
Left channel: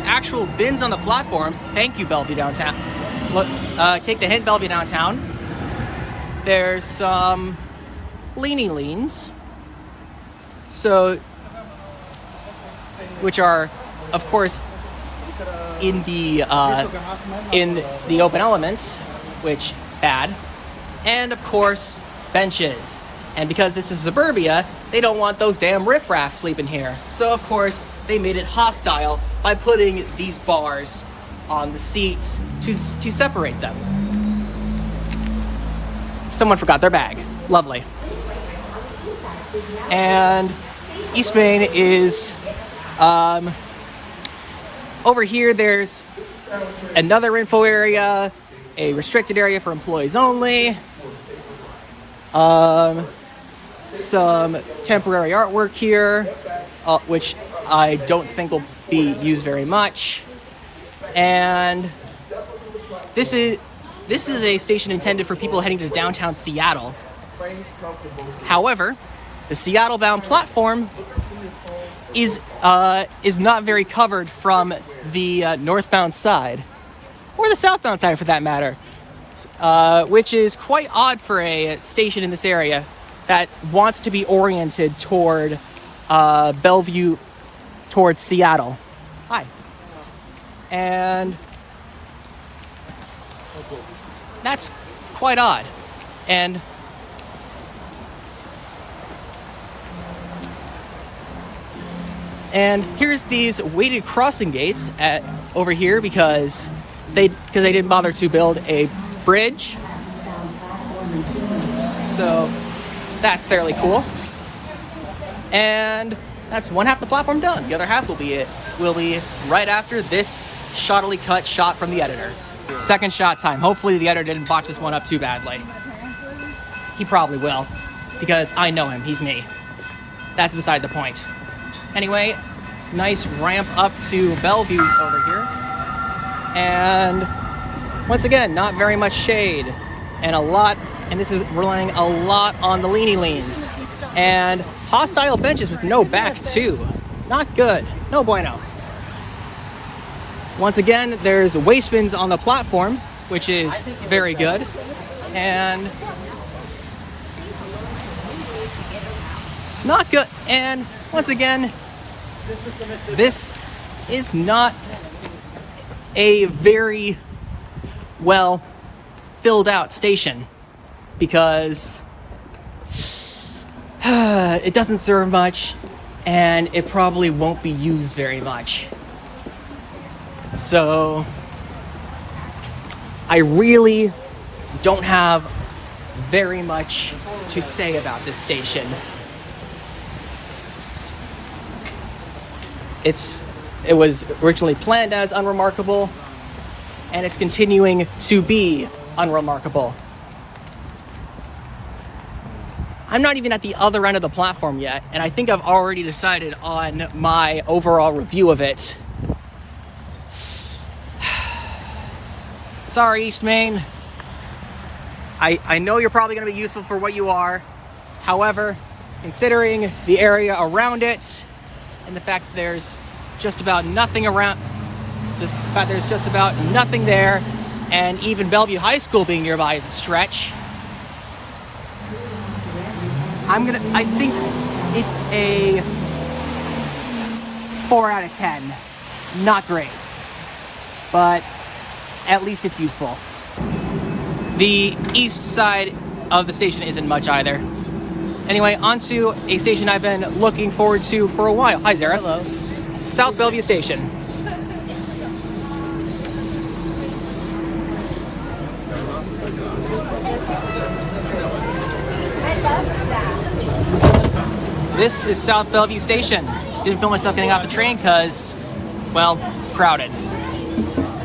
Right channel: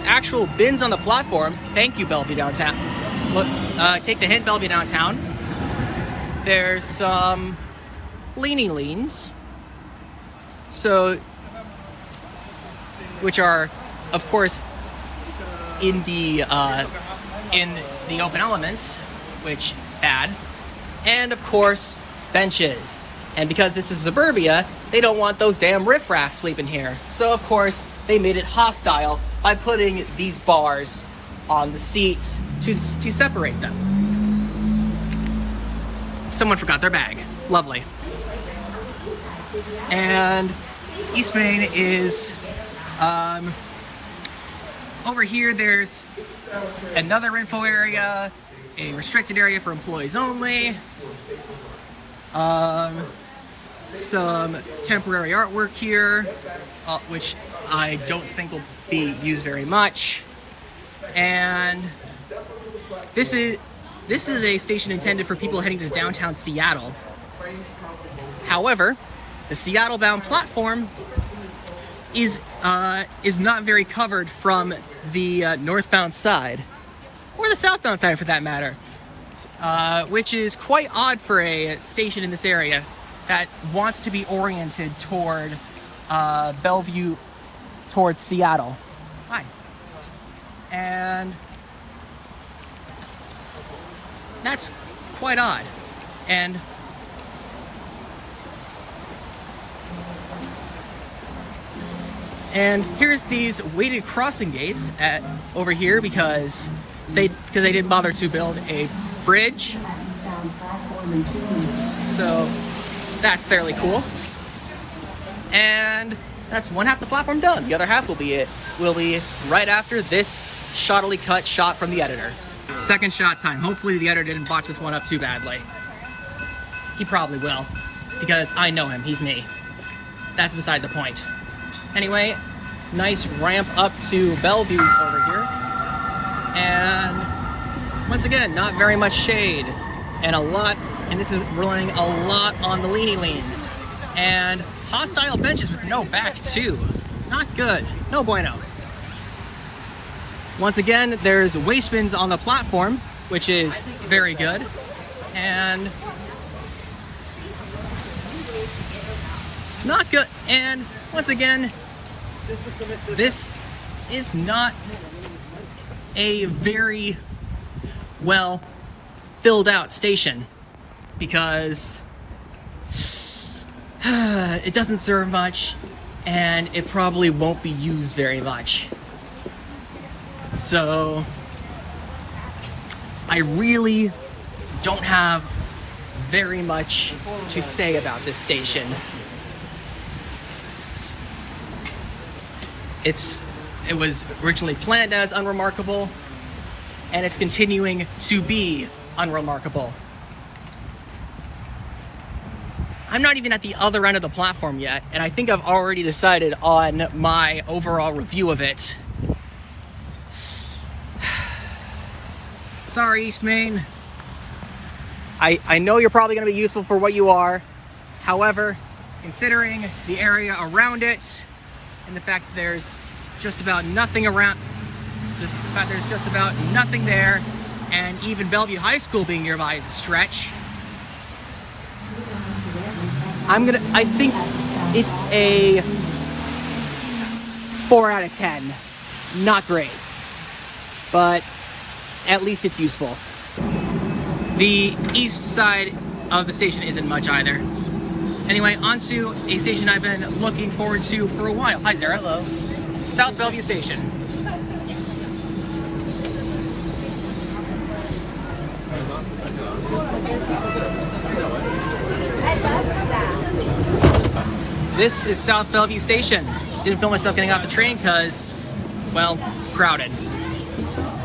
actual bins on the platforms. Thank you, Bellevue Downtown. Look, take the hint, Bellevue Downtown. There's some leaning leans, which are, of course, in the open elements, which bad, and of course benches. And because this is suburbia, they don't want those damn riffraff sleeping here. So of course they made it hostile by putting these bars on the seats to separate them. Someone forgot their bag. Lovely. And East Main is over here, there's another info area, a restricted area for employees only, some temporary artwork here, which I don't think will be used very much. And this is a station intended for people heading to downtown Seattle. However, the Seattle-bound platform is not very covered from the northbound side, or the southbound side for that matter, which is quite odd for a station in this area that wants to be oriented toward Bellevue, towards Seattle. Hi. And that's quite odd. And here's these weighted crossing gates over here because they didn't bother to build a bridge. So that's fairly cool. And that's one half the platform done. The other half will be right after this shoddily cut shot from the editor. Second shot time. Hopefully the editor didn't botch this one up too badly. He probably will, because I know him. He's me. That's beside the point. Anyway, nice ramp up to Bellevue over here. And once again, not very much shade. And this is relying a lot on the leany leans. And hostile benches with no back too. Not good. No bueno. Once again, there's waste bins on the platform, which is very good. And not good. And once again, this is not a very well filled out station because it doesn't serve much and it probably won't be used very much. So I really don't have very much to say about this station. It was originally planned as unremarkable, and it's continuing to be unremarkable. I'm not even at the other end of the platform yet, and I think I've already decided on my overall review of it. Sorry, East Main. I know you're probably going to be useful for what you are. However, considering the area around it, and the fact that there's just about nothing around, there's just about nothing there, and even Bellevue High School being nearby is a stretch. I think it's a 4 out of 10. Not great, but at least it's useful. The east side of the station isn't much either. Anyway, on to a station I've been looking forward to for a while. Hi, Zara. Hello. South Bellevue Station. This is South Bellevue Station. Didn't film myself getting off the train because, well, crowded.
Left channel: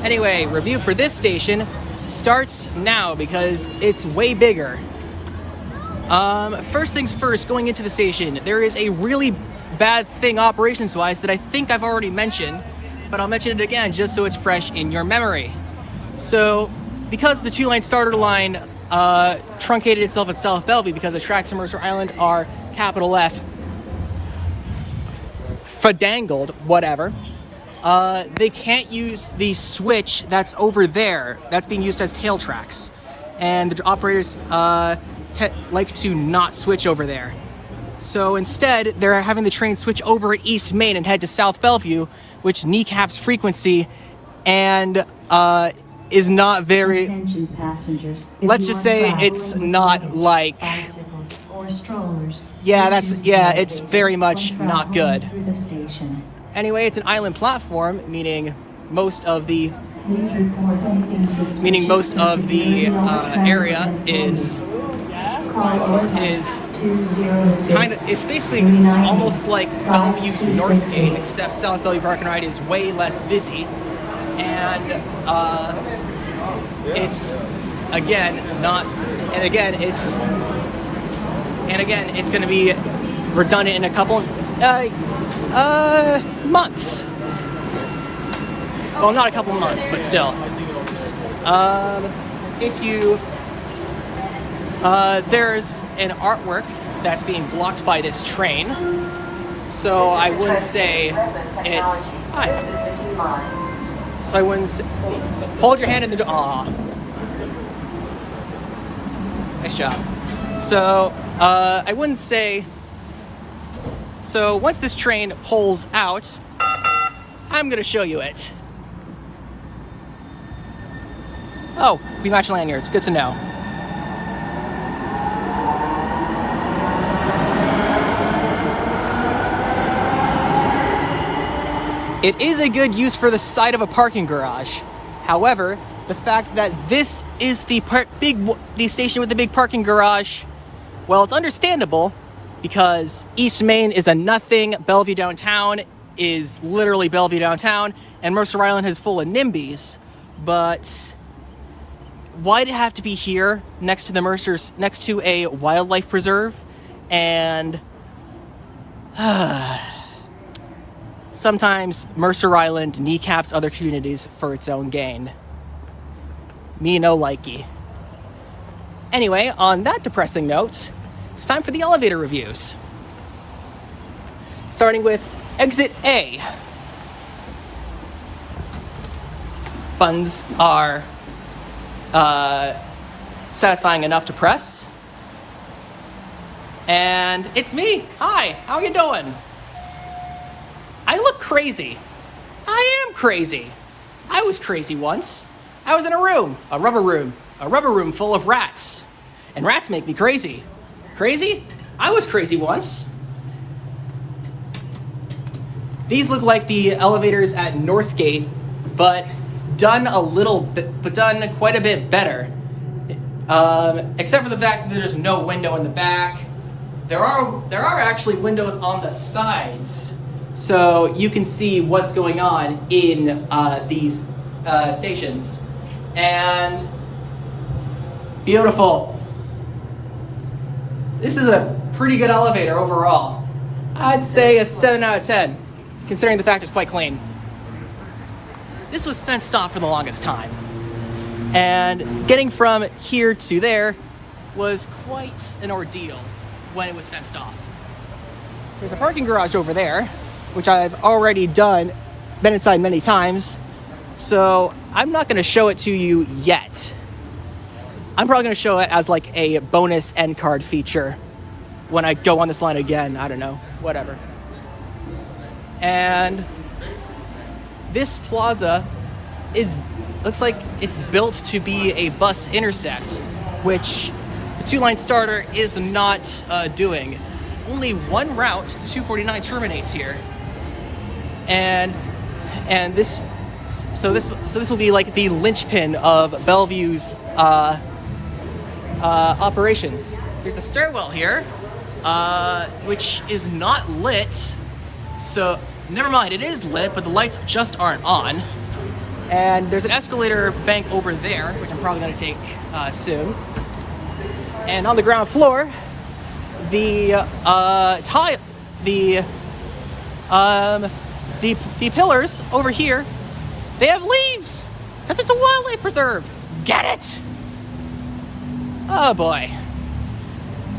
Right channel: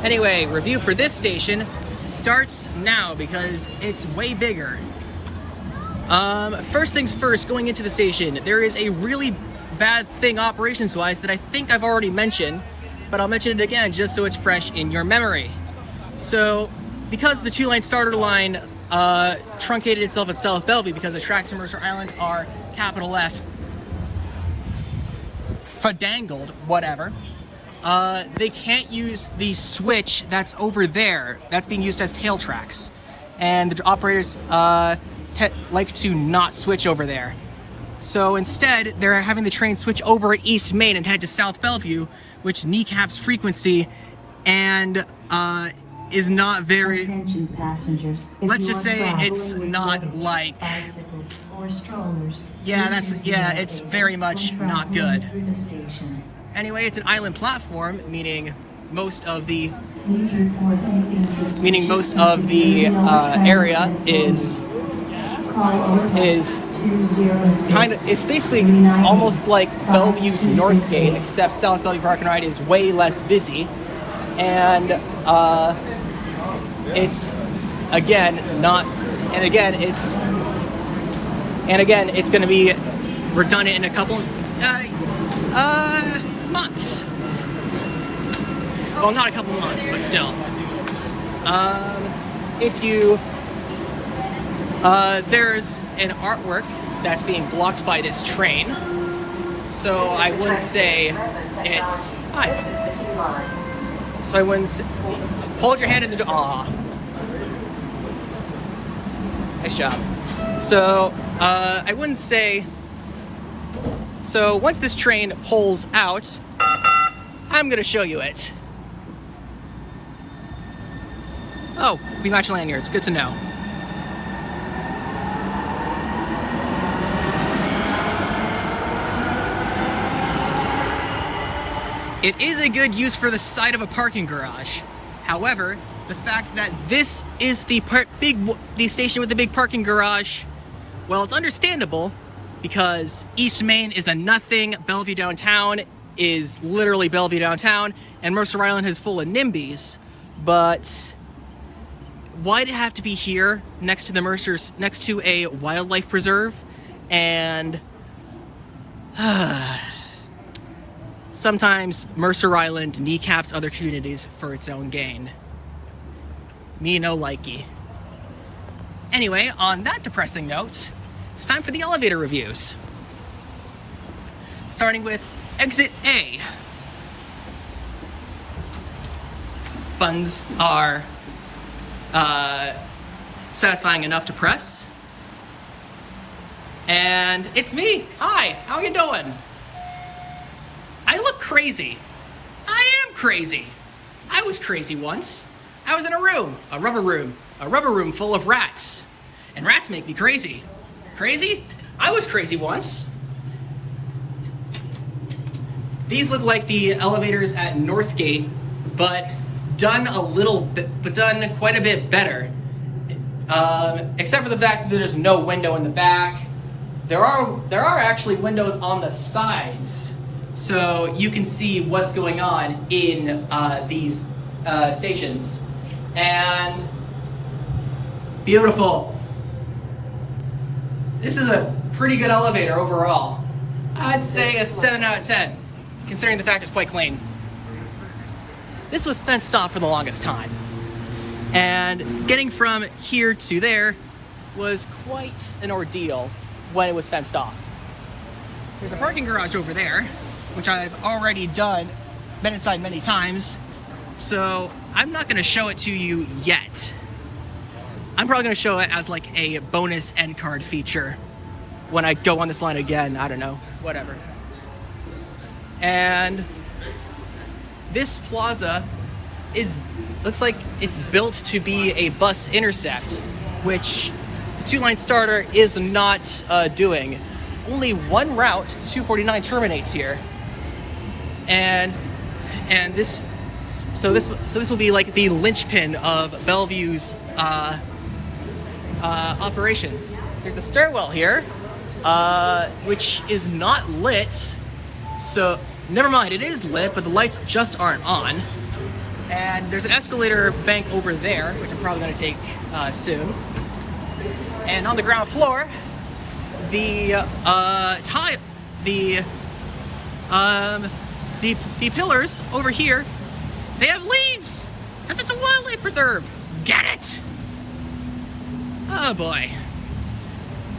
Anyway, review for this station starts now because it's way bigger. First things first, going into the station, there is a really bad thing operations-wise that I think I've already mentioned, but I'll mention it again just so it's fresh in your memory. So, because the two-lane starter line truncated itself at South Bellevue because the tracks in Mercer Island are capital F, fadangled, whatever, they can't use the switch that's over there. That's being used as tail tracks. And the operators like to not switch over there. So instead, they're having the train switch over at East Main and head to South Bellevue, which kneecaps frequency and is not very... Attention passengers. Let's just say it's not like... bicycles or strollers. It's very much not good. Through the station. Anyway, it's an island platform, meaning most of the Please report anything suspicious. area is is kind of, it's basically almost like Bellevue's North Gate, except South Bellevue Park and Ride is way less busy. And it's again not, and again it's going to be redundant in a couple months. Well, not a couple months, but still. If you there's an artwork that's being blocked by this train, so I wouldn't say it's hi. So I wouldn't say, hold your hand in the door. Aw. Nice job. So I wouldn't say. So once this train pulls out, I'm gonna show you it. Oh, we match lanyards. Good to know. It is a good use for the side of a parking garage. However, the fact that this is the station with the big parking garage, well, it's understandable because East Main is a nothing. Bellevue downtown is literally Bellevue downtown, and Mercer Island is full of NIMBYs. But why'd it have to be here next to the Mercer's, next to a wildlife preserve? And sometimes Mercer Island kneecaps other communities for its own gain. Me no likey. Anyway, on that depressing note, it's time for the elevator reviews. Starting with Exit A. Buttons are satisfying enough to press. And it's me. Hi, how you doing? I look crazy. I am crazy. I was crazy once. I was in a room, a rubber room full of rats. And rats make me crazy. Crazy? I was crazy once. These look like the elevators at Northgate, but done a little bit, but done quite a bit better. Except for the fact that there's no window in the back. There are actually windows on the sides, so you can see what's going on in these stations. And beautiful. This is a pretty good elevator overall. I'd say a 7 out of 10, considering the fact it's quite clean. This was fenced off for the longest time, and getting from here to there was quite an ordeal when it was fenced off. There's a parking garage over there, which I've already been inside many times, so I'm not going to show it to you yet. I'm probably going to show it as like a bonus end card feature when I go on this line again. I don't know, whatever. And this plaza looks like it's built to be a bus intercept, which the two-line starter is not doing. Only one route, the 249, terminates here, and this will be like the linchpin of Bellevue's operations. There's a stairwell here, which is not lit, so never mind, it is lit, but the lights just aren't on. And there's an escalator bank over there, which I'm probably going to take soon. And on the ground floor, the pillars over here, they have leaves, because it's a wildlife preserve. Get it? Oh boy.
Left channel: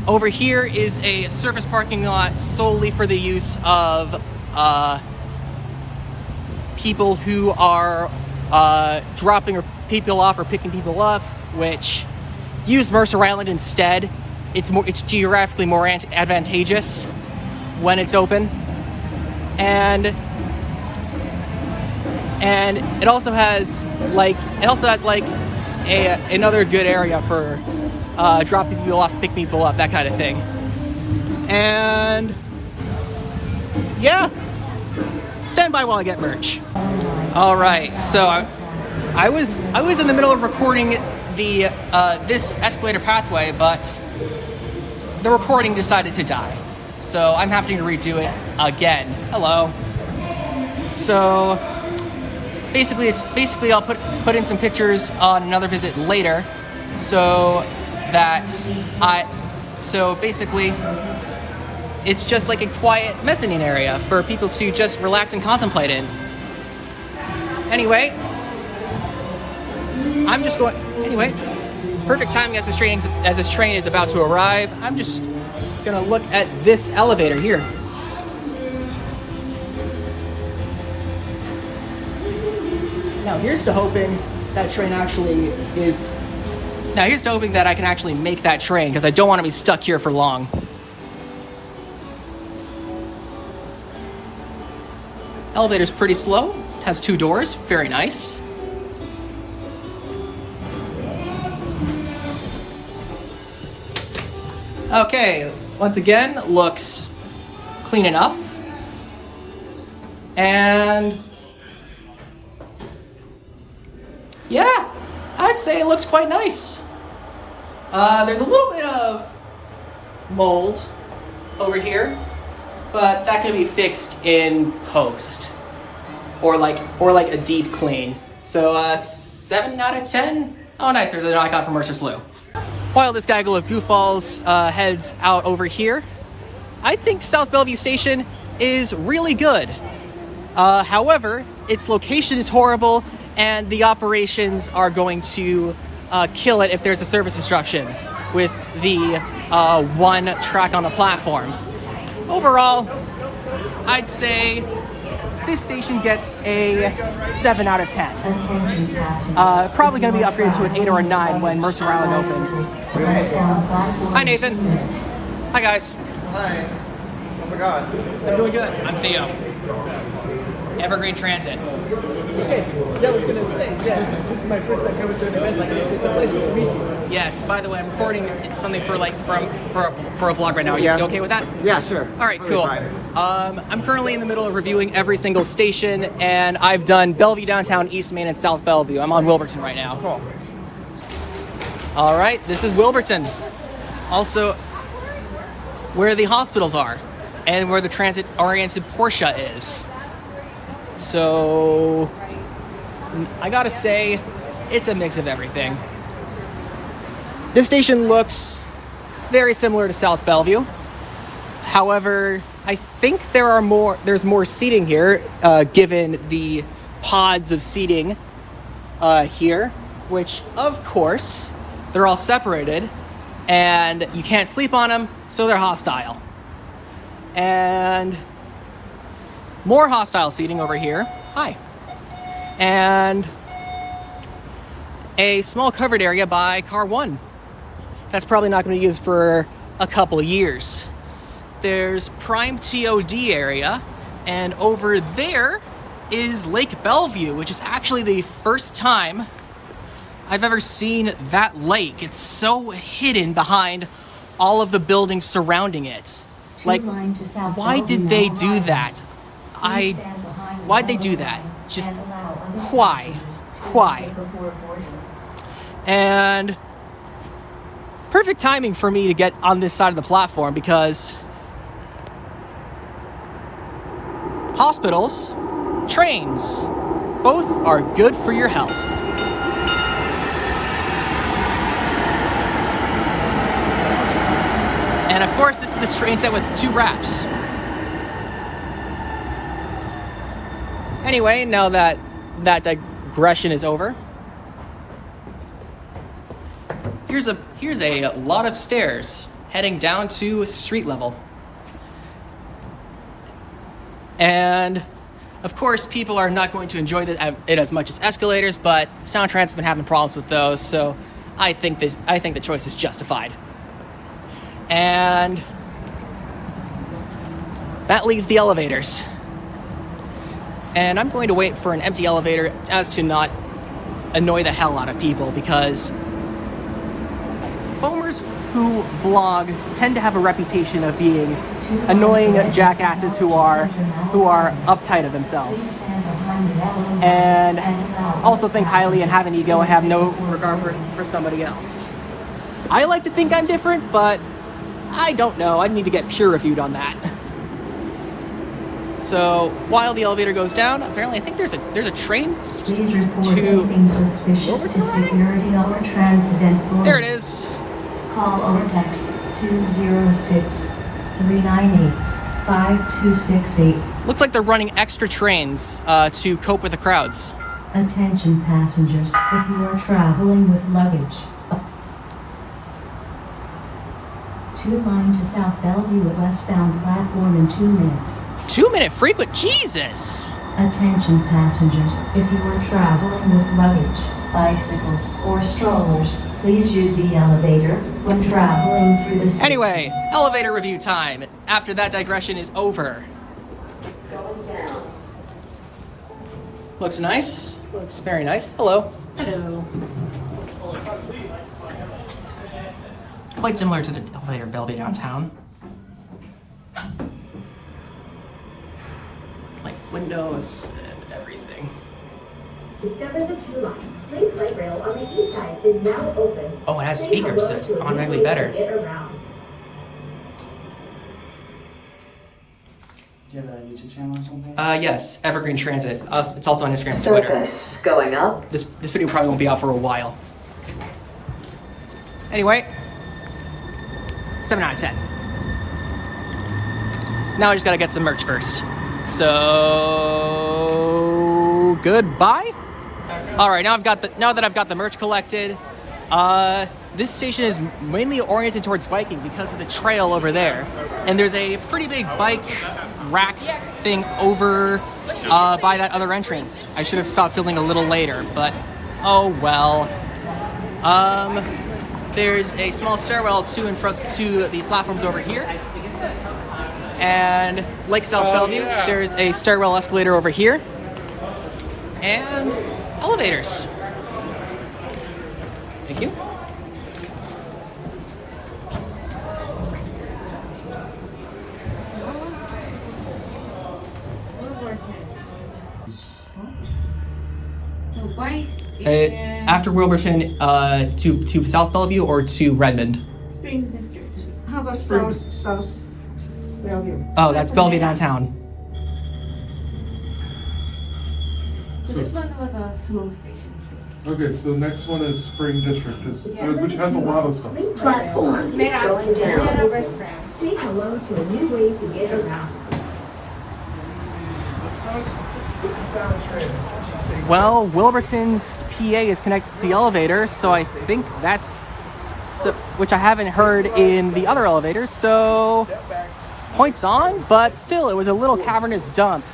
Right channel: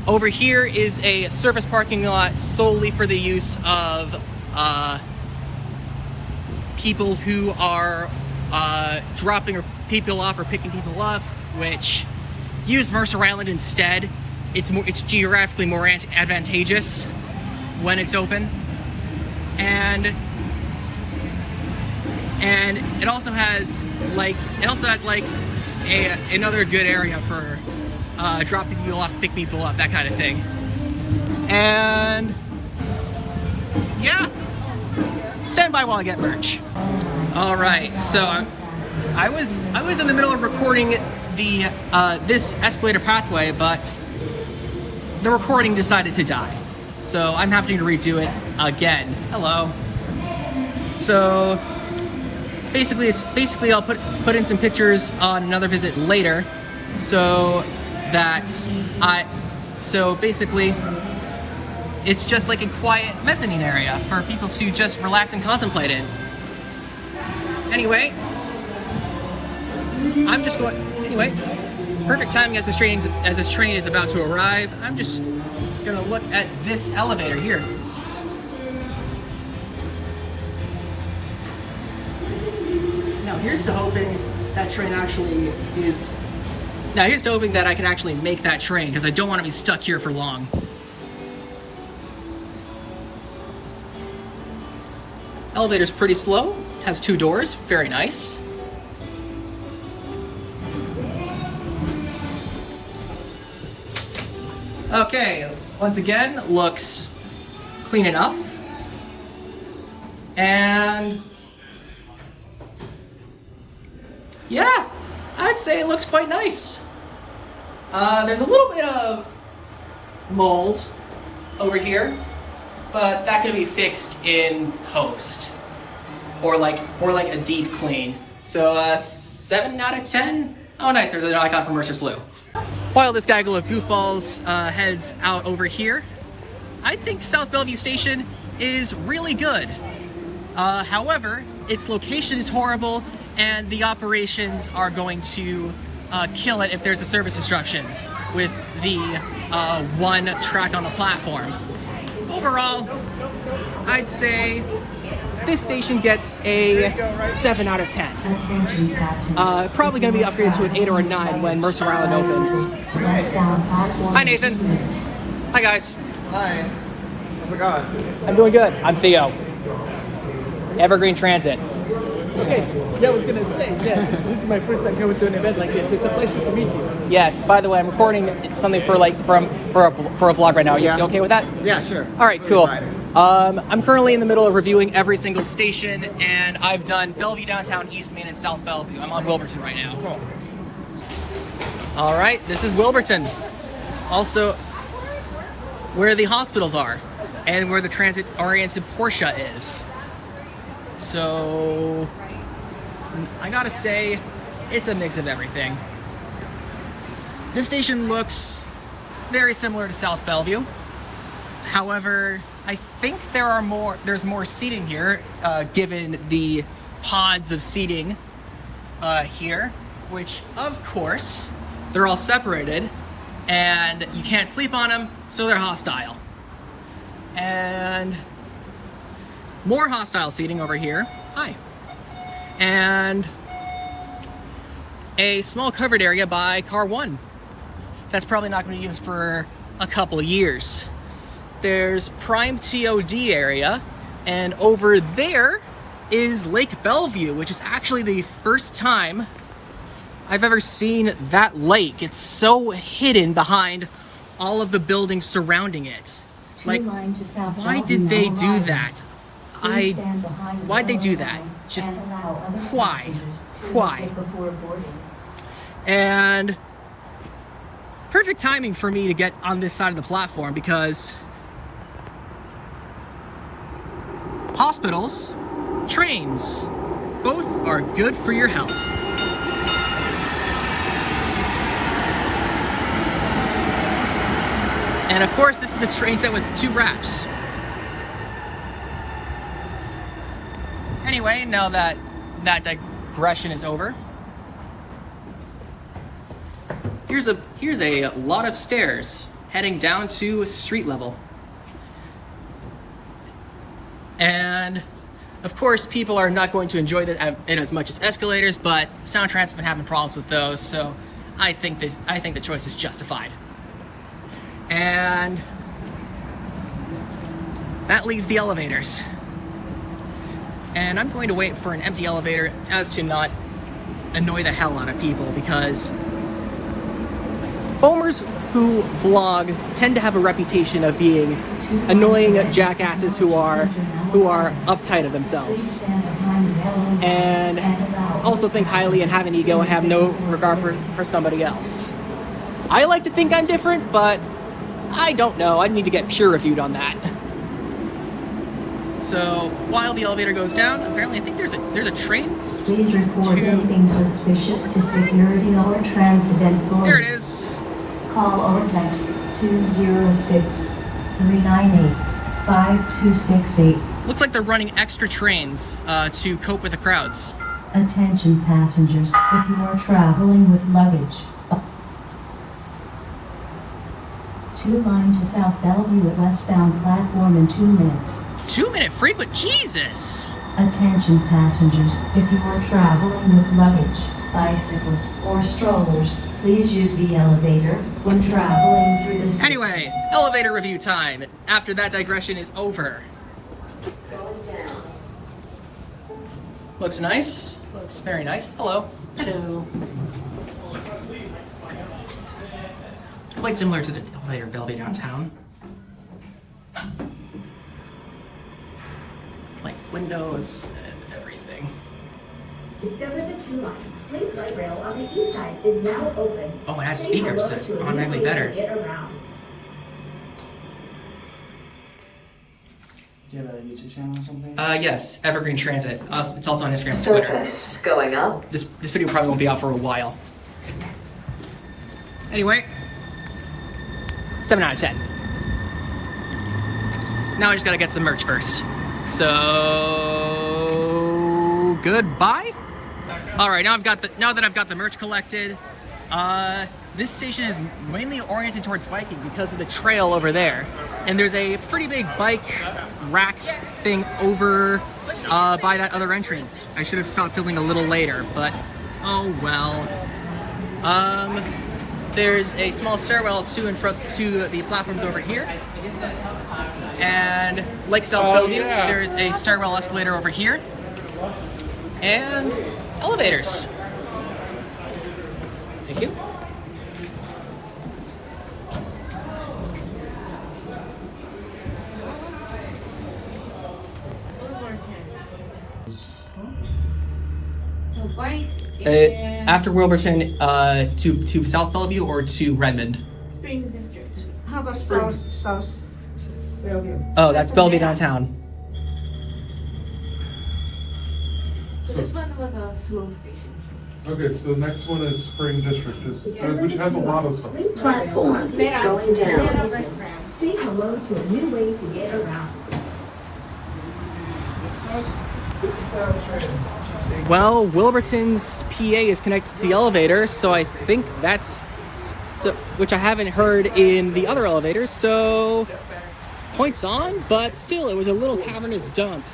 Over here is a surface parking lot solely for the use of people who are dropping people off or picking people up, which use Mercer Island instead. It's geographically more advantageous when it's open, and it also has another good area for dropping people off, pick people up, that kind of thing. And yeah, stand by while I get merch. All right, so I was in the middle of recording the this escalator pathway, but the recording decided to die. So I'm having to redo it again. Hello. So basically I'll put in some pictures on another visit later, so basically it's just like a quiet mezzanine area for people to just relax and contemplate in. Anyway, perfect timing as this train is about to arrive. I'm just gonna look at this elevator here. Now here's to hoping that train actually is. Now here's to hoping that I can actually make that train, because I don't want to be stuck here for long. Elevator's pretty slow, has 2 doors, very nice. Okay, once again, looks clean enough. And yeah, I'd say it looks quite nice. There's a little bit of mold over here, but that can be fixed in post, or like a deep clean. So 7 out of 10. Oh, nice. There's an icon for Mercer Slough. While this gaggle of goofballs heads out over here, I think South Bellevue Station is really good. However, its location is horrible, and the operations are going to kill it if there's a service disruption with the 1 track on the platform. Overall, I'd say this station gets a 7 out of 10. Probably going to be upgraded to an 8 or a 9 when Mercer Island opens. Hi, Nathan. Hi, guys. Hi. I forgot. I'm doing good. I'm Theo. Evergreen Transit. Okay. Yeah, I was gonna say, this is my first time coming to an event like this. It's a pleasure to meet you. Yes. By the way, I'm recording something for a vlog right now. You okay with that? Yeah, sure. All right, cool. I'm currently in the middle of reviewing every single station, and I've done Bellevue, Downtown, East Main, and South Bellevue. I'm on Wilburton right now. Cool. All right, this is Wilburton. Also, where the hospitals are, and where the transit-oriented Porsche is. So, I gotta say, it's a mix of everything. This station looks very similar to South Bellevue. However, I think there's more seating here, given the pods of seating here, which, of course, they're all separated, and you can't sleep on them, so they're hostile. And more hostile seating over here. Hi. And a small covered area by car 1. That's probably not going to be used for a couple of years. There's prime TOD area, and over there is Lake Bellevue, which is actually the first time I've ever seen that lake. It's so hidden behind all of the buildings surrounding it. Like, why did they do that? Why'd they do that? Just why? And perfect timing for me to get on this side of the platform, because hospitals, trains, both are good for your health. And of course, this is this train set with 2 wraps. Anyway, now that that digression is over, here's a lot of stairs heading down to street level. And of course, people are not going to enjoy it as much as escalators, but Soundtransit's been having problems with those, so I think the choice is justified. And that leaves the elevators. And I'm going to wait for an empty elevator as to not annoy the hell out of people, because foamers who vlog tend to have a reputation of being annoying jackasses who are uptight of themselves and also think highly and have an ego and have no regard for somebody else. I like to think I'm different, but I don't know. I need to get peer reviewed on that. So while the elevator goes down, apparently I think there's a train. Please report anything suspicious to security or transit employees. There it is. Call or text 206-398-5268. Looks like they're running extra trains to cope with the crowds. Attention passengers, if you are traveling with luggage. 2 line to South Bellevue at westbound platform in 2 minutes. 2-minute frequent, Jesus! Attention passengers, if you are traveling with luggage, bicycles, or strollers, please use the elevator when traveling through the city. Anyway, elevator review time. After that digression is over. Looks nice. Looks very nice. Hello. Hello. Quite similar to the elevator in Bellevue downtown. Like windows and everything. Discover the 2 line. Link light rail on the east side is now open. Oh, it has speakers, so it's automatically better. Get around. Do you have a YouTube channel or something? Yes, Evergreen Transit. It's also on Instagram and Twitter. Surface going up. This video probably won't be out for a while. Anyway, 7 out of 10. Now I just gotta get some merch first. So goodbye. All right, now that I've got the merch collected, this station is mainly oriented towards biking because of the trail over there, and there's a pretty big bike rack thing over by that other entrance. I should have stopped filming a little later, but oh well. There's a small stairwell to the platforms over here. And Lake South Bellevue, there's a stairwell escalator over here. And elevators. Thank you. So bike After Wilburton, to South Bellevue or to Redmond? Spring District. How about South Bellevue? Oh, that's Bellevue downtown. So this one was a slow station. Okay, so the next one is Spring District, which has a lot of stuff. Platform Yeah. going down. Oversprang. Say hello to a new way to get around. Well, Wilburton's PA is connected to the elevator, so I think that's, which I haven't heard in the other elevators, so points on, but still, it was a little cavernous dump.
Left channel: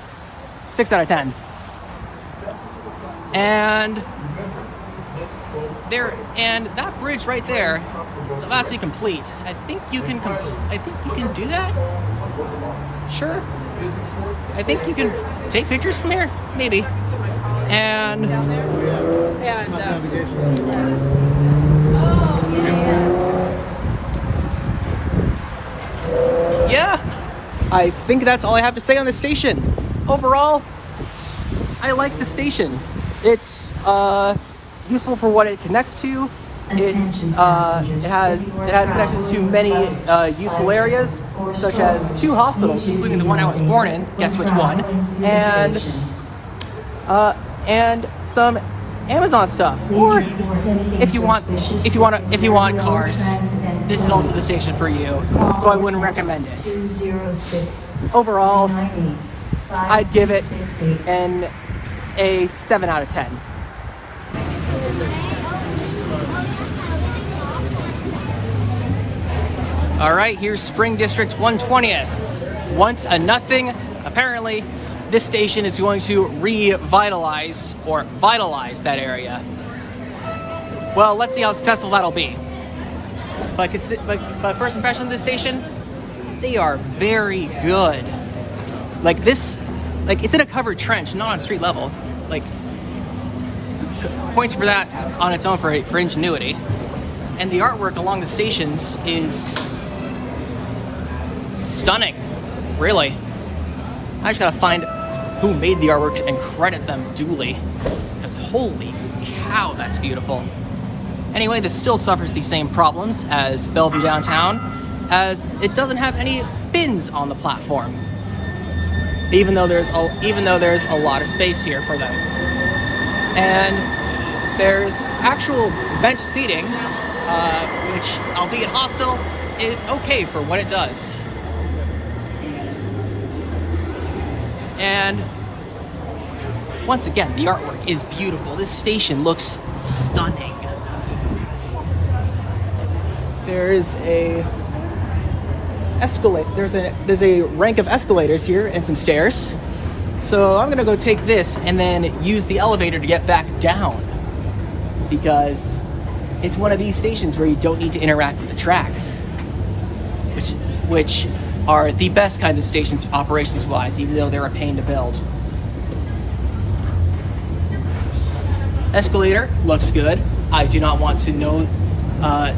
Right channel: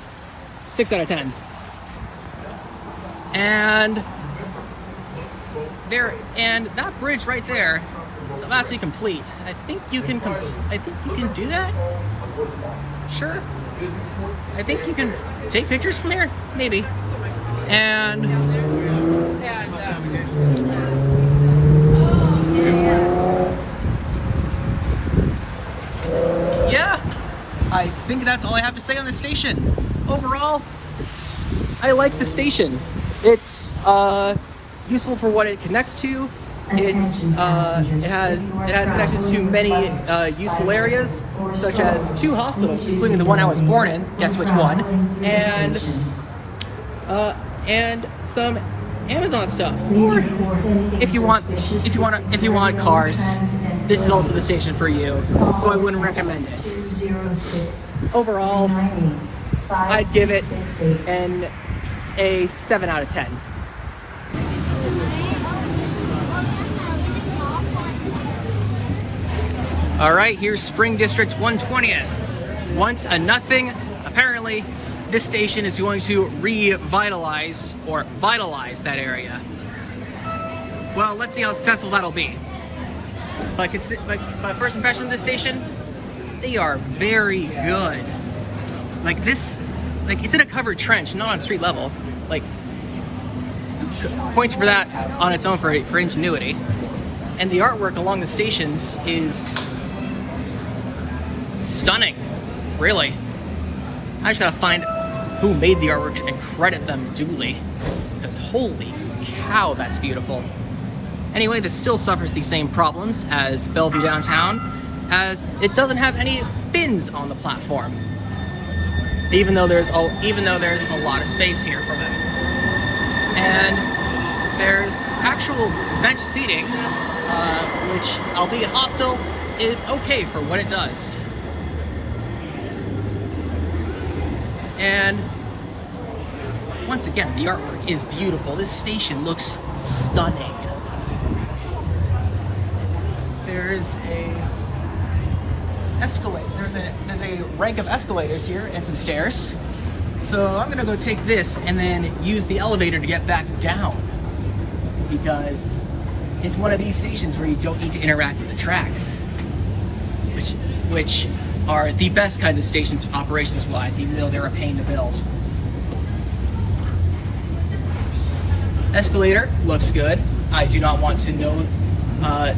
6 out of 10. And that bridge right there is about to be complete. I think you can do that. Sure. I think you can take pictures from here, maybe. And yeah, I think that's all I have to say on the station. Overall, I like the station. It's useful for what it connects to. It has connections to many useful areas, such as 2 hospitals, including the one I was born in. Guess which one? And some Amazon stuff. Or if you want cars, this is also the station for you. Though I wouldn't recommend it. Overall, I'd give it a 7 out of 10. All right, here's Spring District 120th. Once a nothing, apparently this station is going to revitalize or vitalize that area. Well, let's see how successful that'll be. But first impression of this station, they are very good. Like this, it's in a covered trench, not on street level. Like, points for that on its own for ingenuity. And the artwork along the stations is stunning, really. I just gotta find who made the artwork and credit them duly, because holy cow, that's beautiful. Anyway, this still suffers the same problems as Bellevue downtown. as it doesn't have any bins on the platform, even though there's a lot of space here for them. And there's actual bench seating, which, albeit hostile, is okay for what it does. And once again, the artwork is beautiful. This station looks stunning. There is a escalator. There's a rank of escalators here and some stairs. So I'm gonna go take this and then use the elevator to get back down, because it's one of these stations where you don't need to interact with the tracks, which are the best kinds of stations operations-wise, even though they're a pain to build. Escalator looks good. I do not want to know,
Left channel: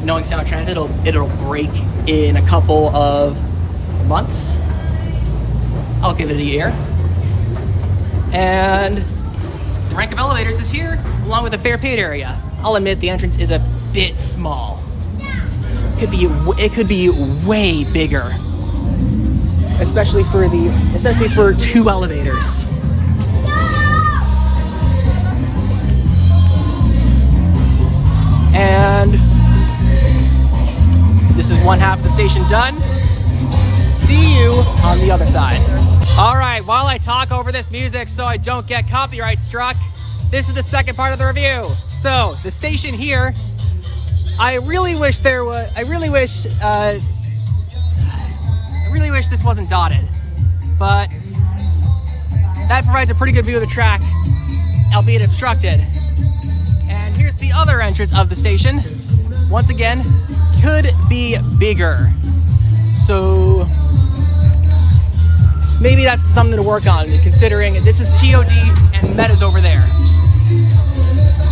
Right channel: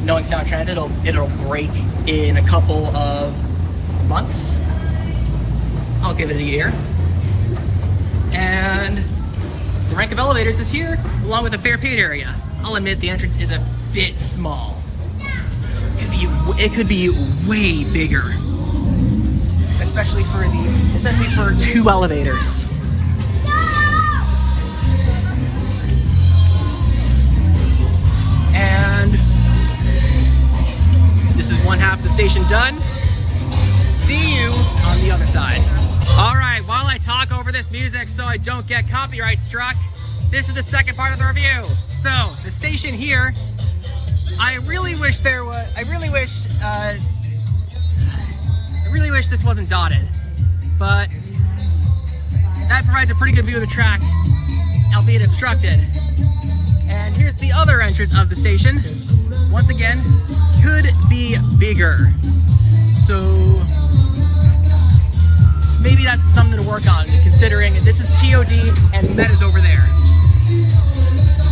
knowing Sound Transit, it'll break in a couple of months. I'll give it a year. And the rank of elevators is here, along with the fare paid area. I'll admit the entrance is a bit small. It could be way bigger, especially for 2 elevators. And this is one half of the station done. See you on the other side. All right, while I talk over this music so I don't get copyright struck, this is the second part of the review. So the station here, I really wish this wasn't dotted, but that provides a pretty good view of the track, albeit obstructed. And here's the other entrance of the station. Once again, could be bigger. So maybe that's something to work on, considering this is TOD and Meta's over there.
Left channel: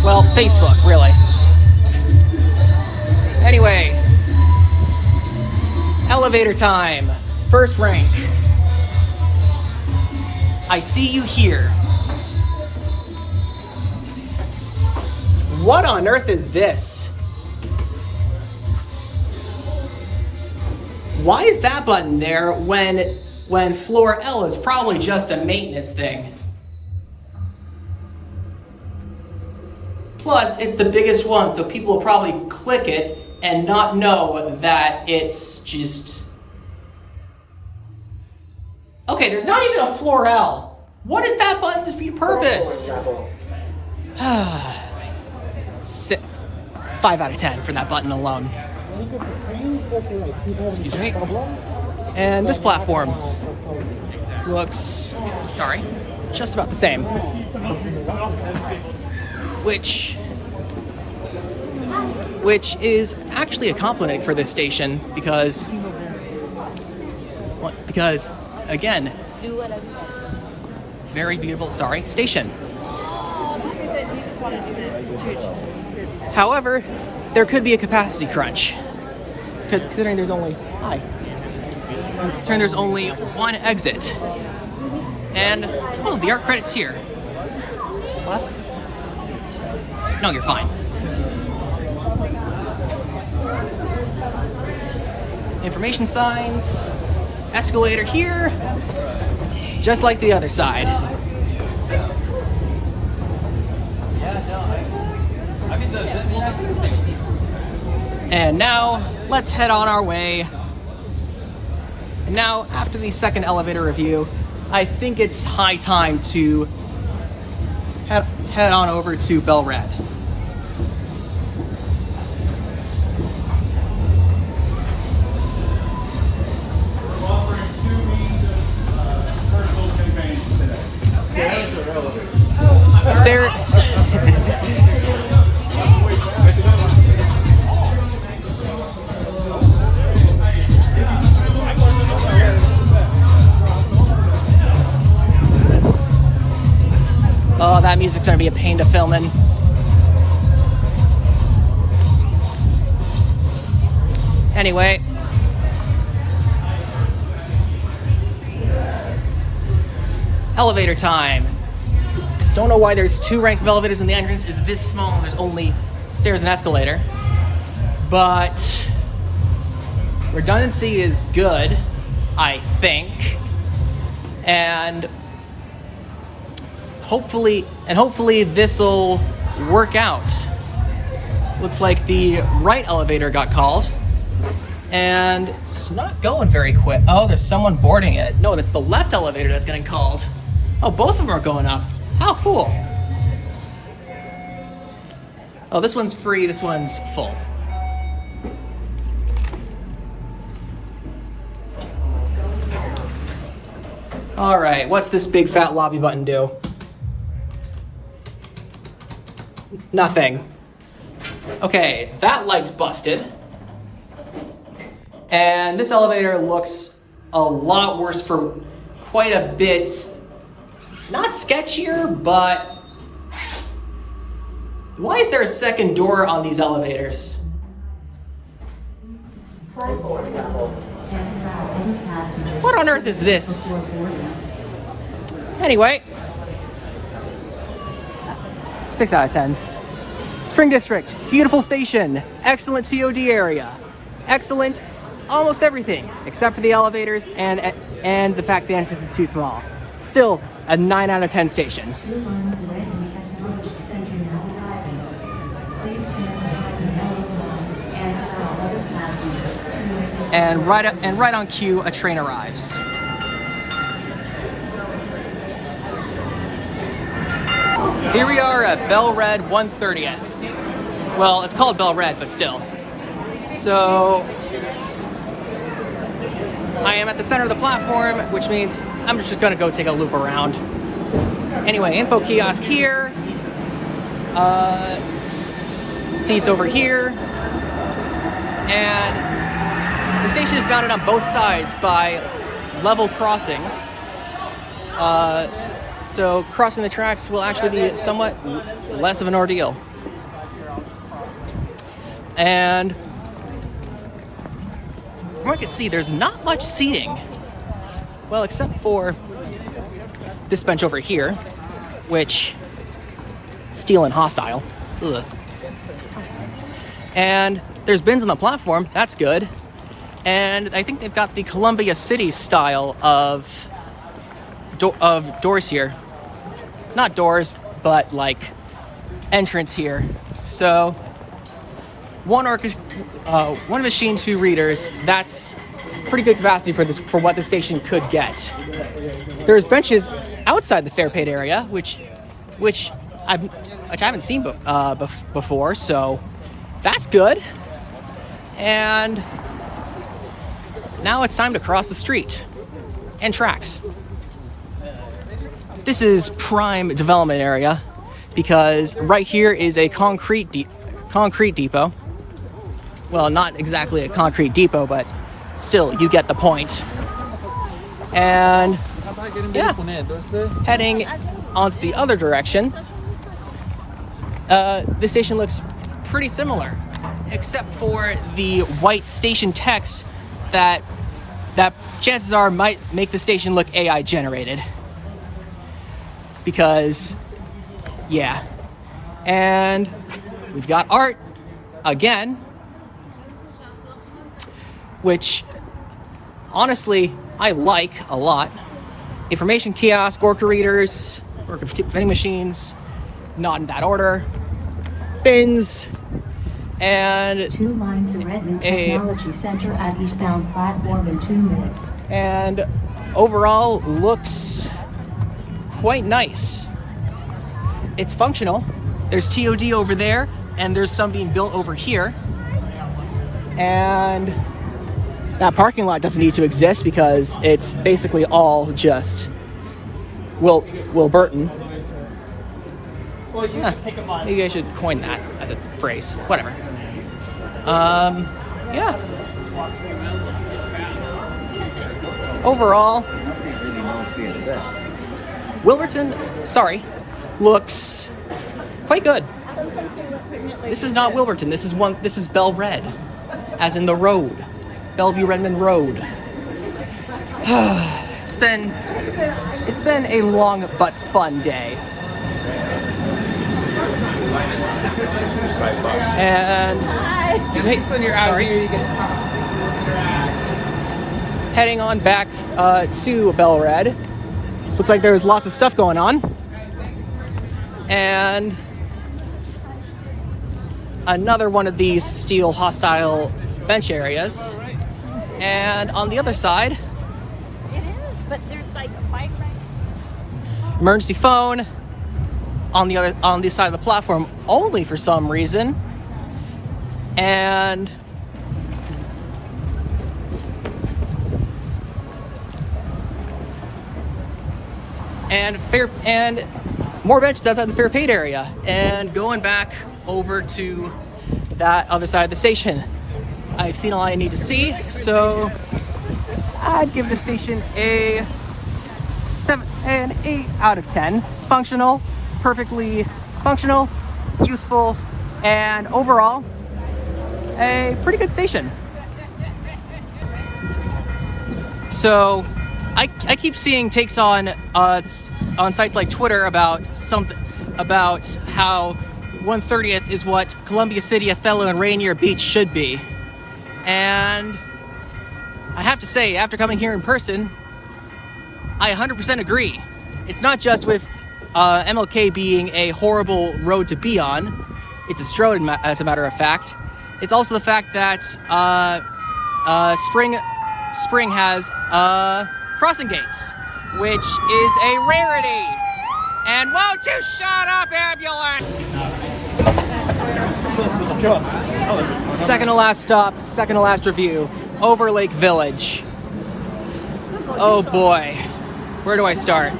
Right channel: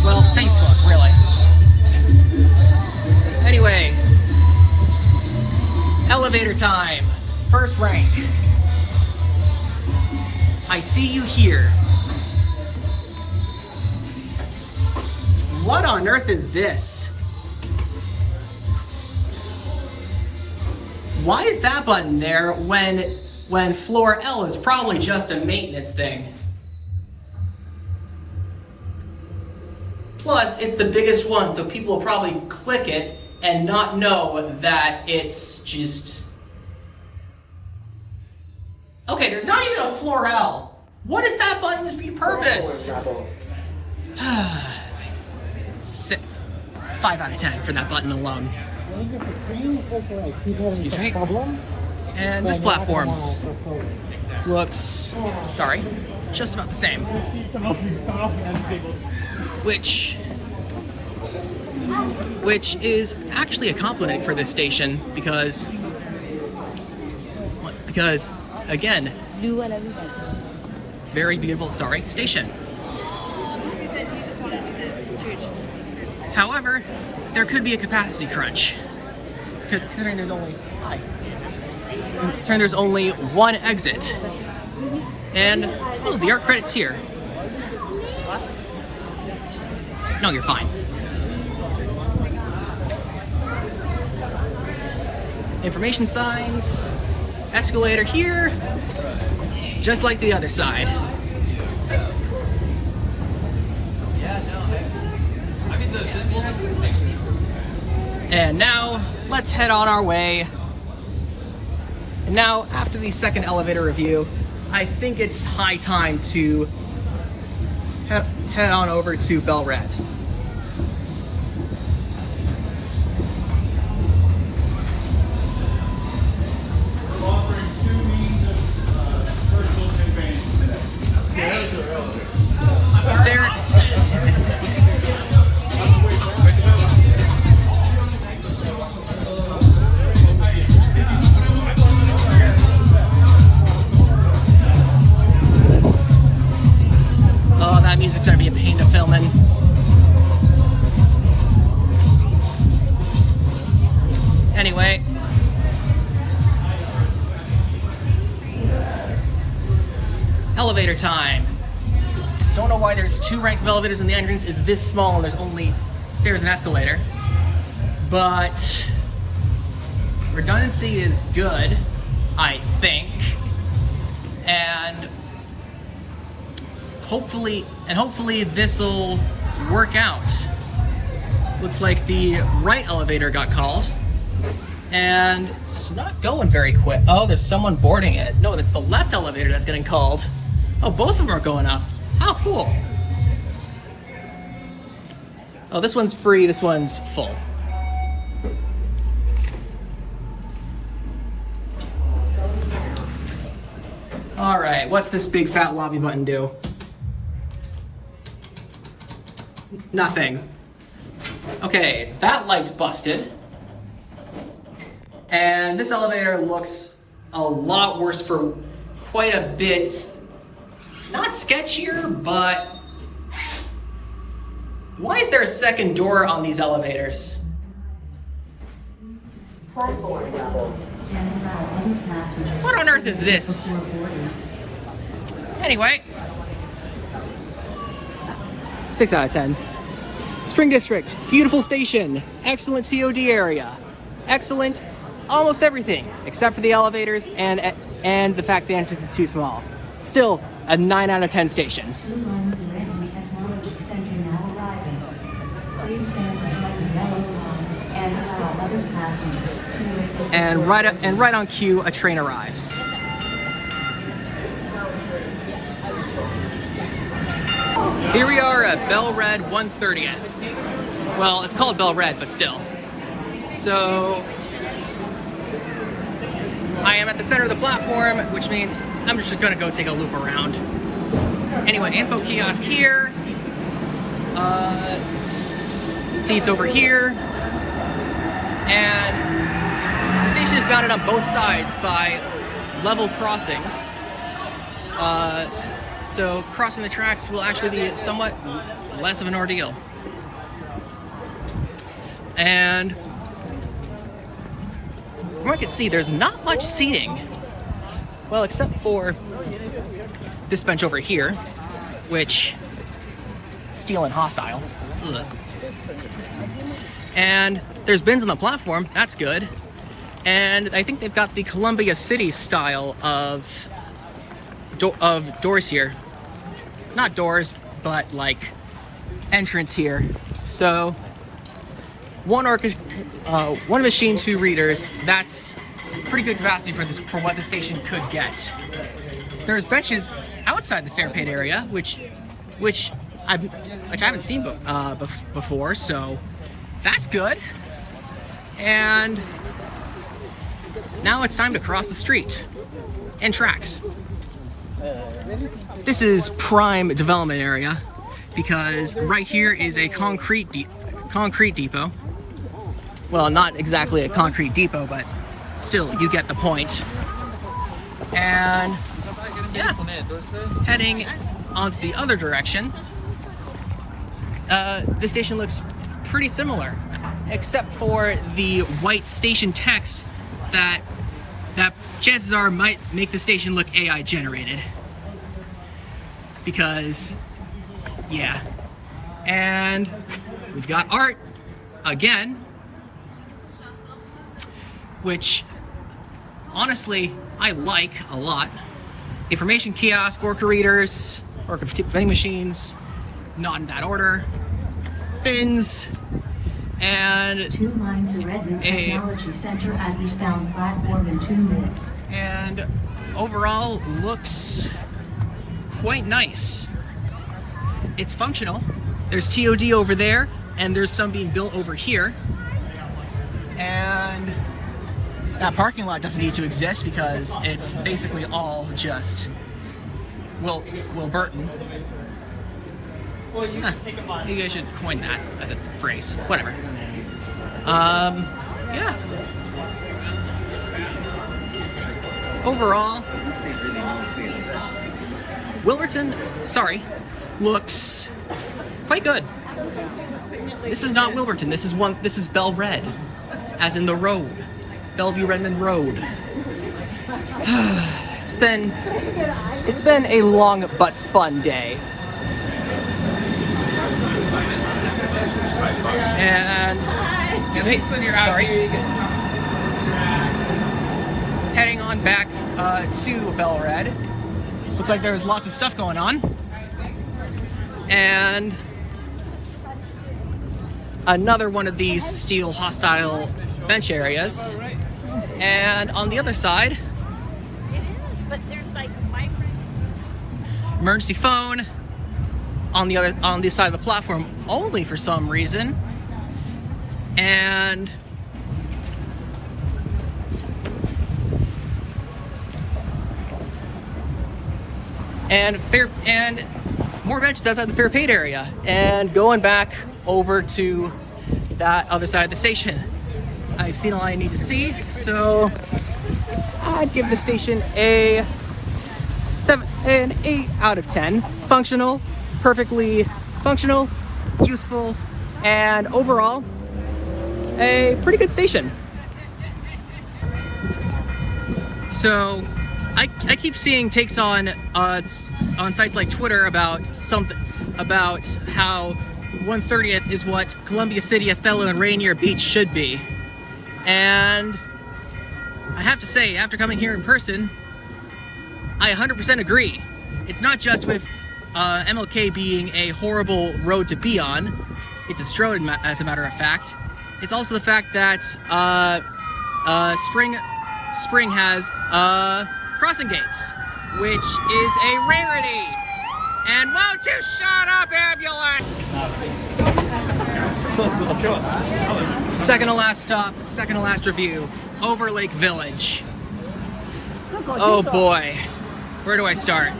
Well, Facebook, really. Anyway, elevator time. First rank. I see you here. What on earth is this? Why is that button there when floor L is probably just a maintenance thing? Plus, it's the biggest one, so people will probably click it and not know that it's just... Okay, there's not even a floor L. What is that button's purpose? 5 out of 10 for that button alone. Excuse me. And this platform looks, just about the same. Which is actually a compliment for this station, because again, very beautiful, station. However, there could be a capacity crunch, considering there's only one exit. And, oh, the art credit's here. No, you're fine. Information signs, escalator here, just like the other side. And now, let's head on our way. And now, after the second elevator review, I think it's high time to head on over to Belred. We're offering 2 means of personal conveyance today. Stair. Oh, that music's gonna be a pain to film in. Anyway. Elevator time. Don't know why there's 2 ranks of elevators and the entrance is this small and there's only stairs and escalator. But Redundancy is good, I think. And hopefully this'll work out. Looks like the right elevator got called. And it's not going very quick. Oh, there's someone boarding it. No, it's the left elevator that's getting called. Oh, both of them are going up. How cool. Oh, this one's free, this one's full. All right, what's this big fat lobby button do? Nothing. Okay, that light's busted. And this elevator looks a lot worse for quite a bit. Not sketchier, but why is there a second door on these elevators? What on earth is this? Anyway, 6 out of 10. Spring District, beautiful station, excellent TOD area, excellent almost everything except for the elevators and the fact the entrance is too small. Still a 9 out of 10 station. And right on cue, a train arrives. Here we are at Belred 130th. Well, it's called Belred, but still. So I am at the center of the platform, which means I'm just gonna go take a loop around. Anyway, info kiosk here. Seats over here. And the station is bounded on both sides by level crossings. So crossing the tracks will actually be somewhat less of an ordeal. And from what I can see, there's not much seating. Well, except for this bench over here, which steel and hostile. Ugh. And there's bins on the platform, that's good. And I think they've got the Columbia City style of doors here. Not doors, but like entrance here. So one machine, 2 readers, that's pretty good capacity for what the station could get. There's benches outside the fare paid area, which I haven't seen before, so that's good. And now it's time to cross the street and tracks. This is prime development area because right here is a concrete depot. Well, not exactly a concrete depot, but still, you get the point. And yeah, heading onto the other direction, the station looks pretty similar, except for the white station text that chances are might make the station look AI generated. Because, yeah. And we've got art again, which honestly I like a lot. Information kiosk, Orca readers, Orca vending machines, not in that order. Bins, and 2 line to Redmond Technology Center at eastbound platform in 2 minutes. And overall looks quite nice. It's functional. There's TOD over there, and there's some being built over here. And that parking lot doesn't need to exist because it's basically all just Wilburton. Maybe I should coin that as a phrase. Whatever. Yeah. Overall, Wilburton, looks quite good. This is not Wilburton. This is Belred, as in the road, Bellevue Redmond Road. It's been a long but fun day. And excuse me, sorry. heading on back to Belred. Looks like there's lots of stuff going on. And another one of these steel hostile bench areas. And on the other side, emergency phone on the side of the platform only for some reason. And more benches outside the fare paid area, and going back over to that other side of the station. I've seen all I need to see, so I'd give the station an 8 out of 10. Functional, perfectly functional, useful, and overall, a pretty good station. So I keep seeing takes on sites like Twitter about how 1/30th is what Columbia City, Othello, and Rainier Beach should be. And I have to say, after coming here in person, I 100% agree. It's not just with MLK being a horrible road to be on. It's a stroad, as a matter of fact. It's also the fact that Spring has crossing gates, which is a rarity. And won't you shut up, ambulance? Second to last stop, second to last review, Overlake Village. Oh boy, where do I start?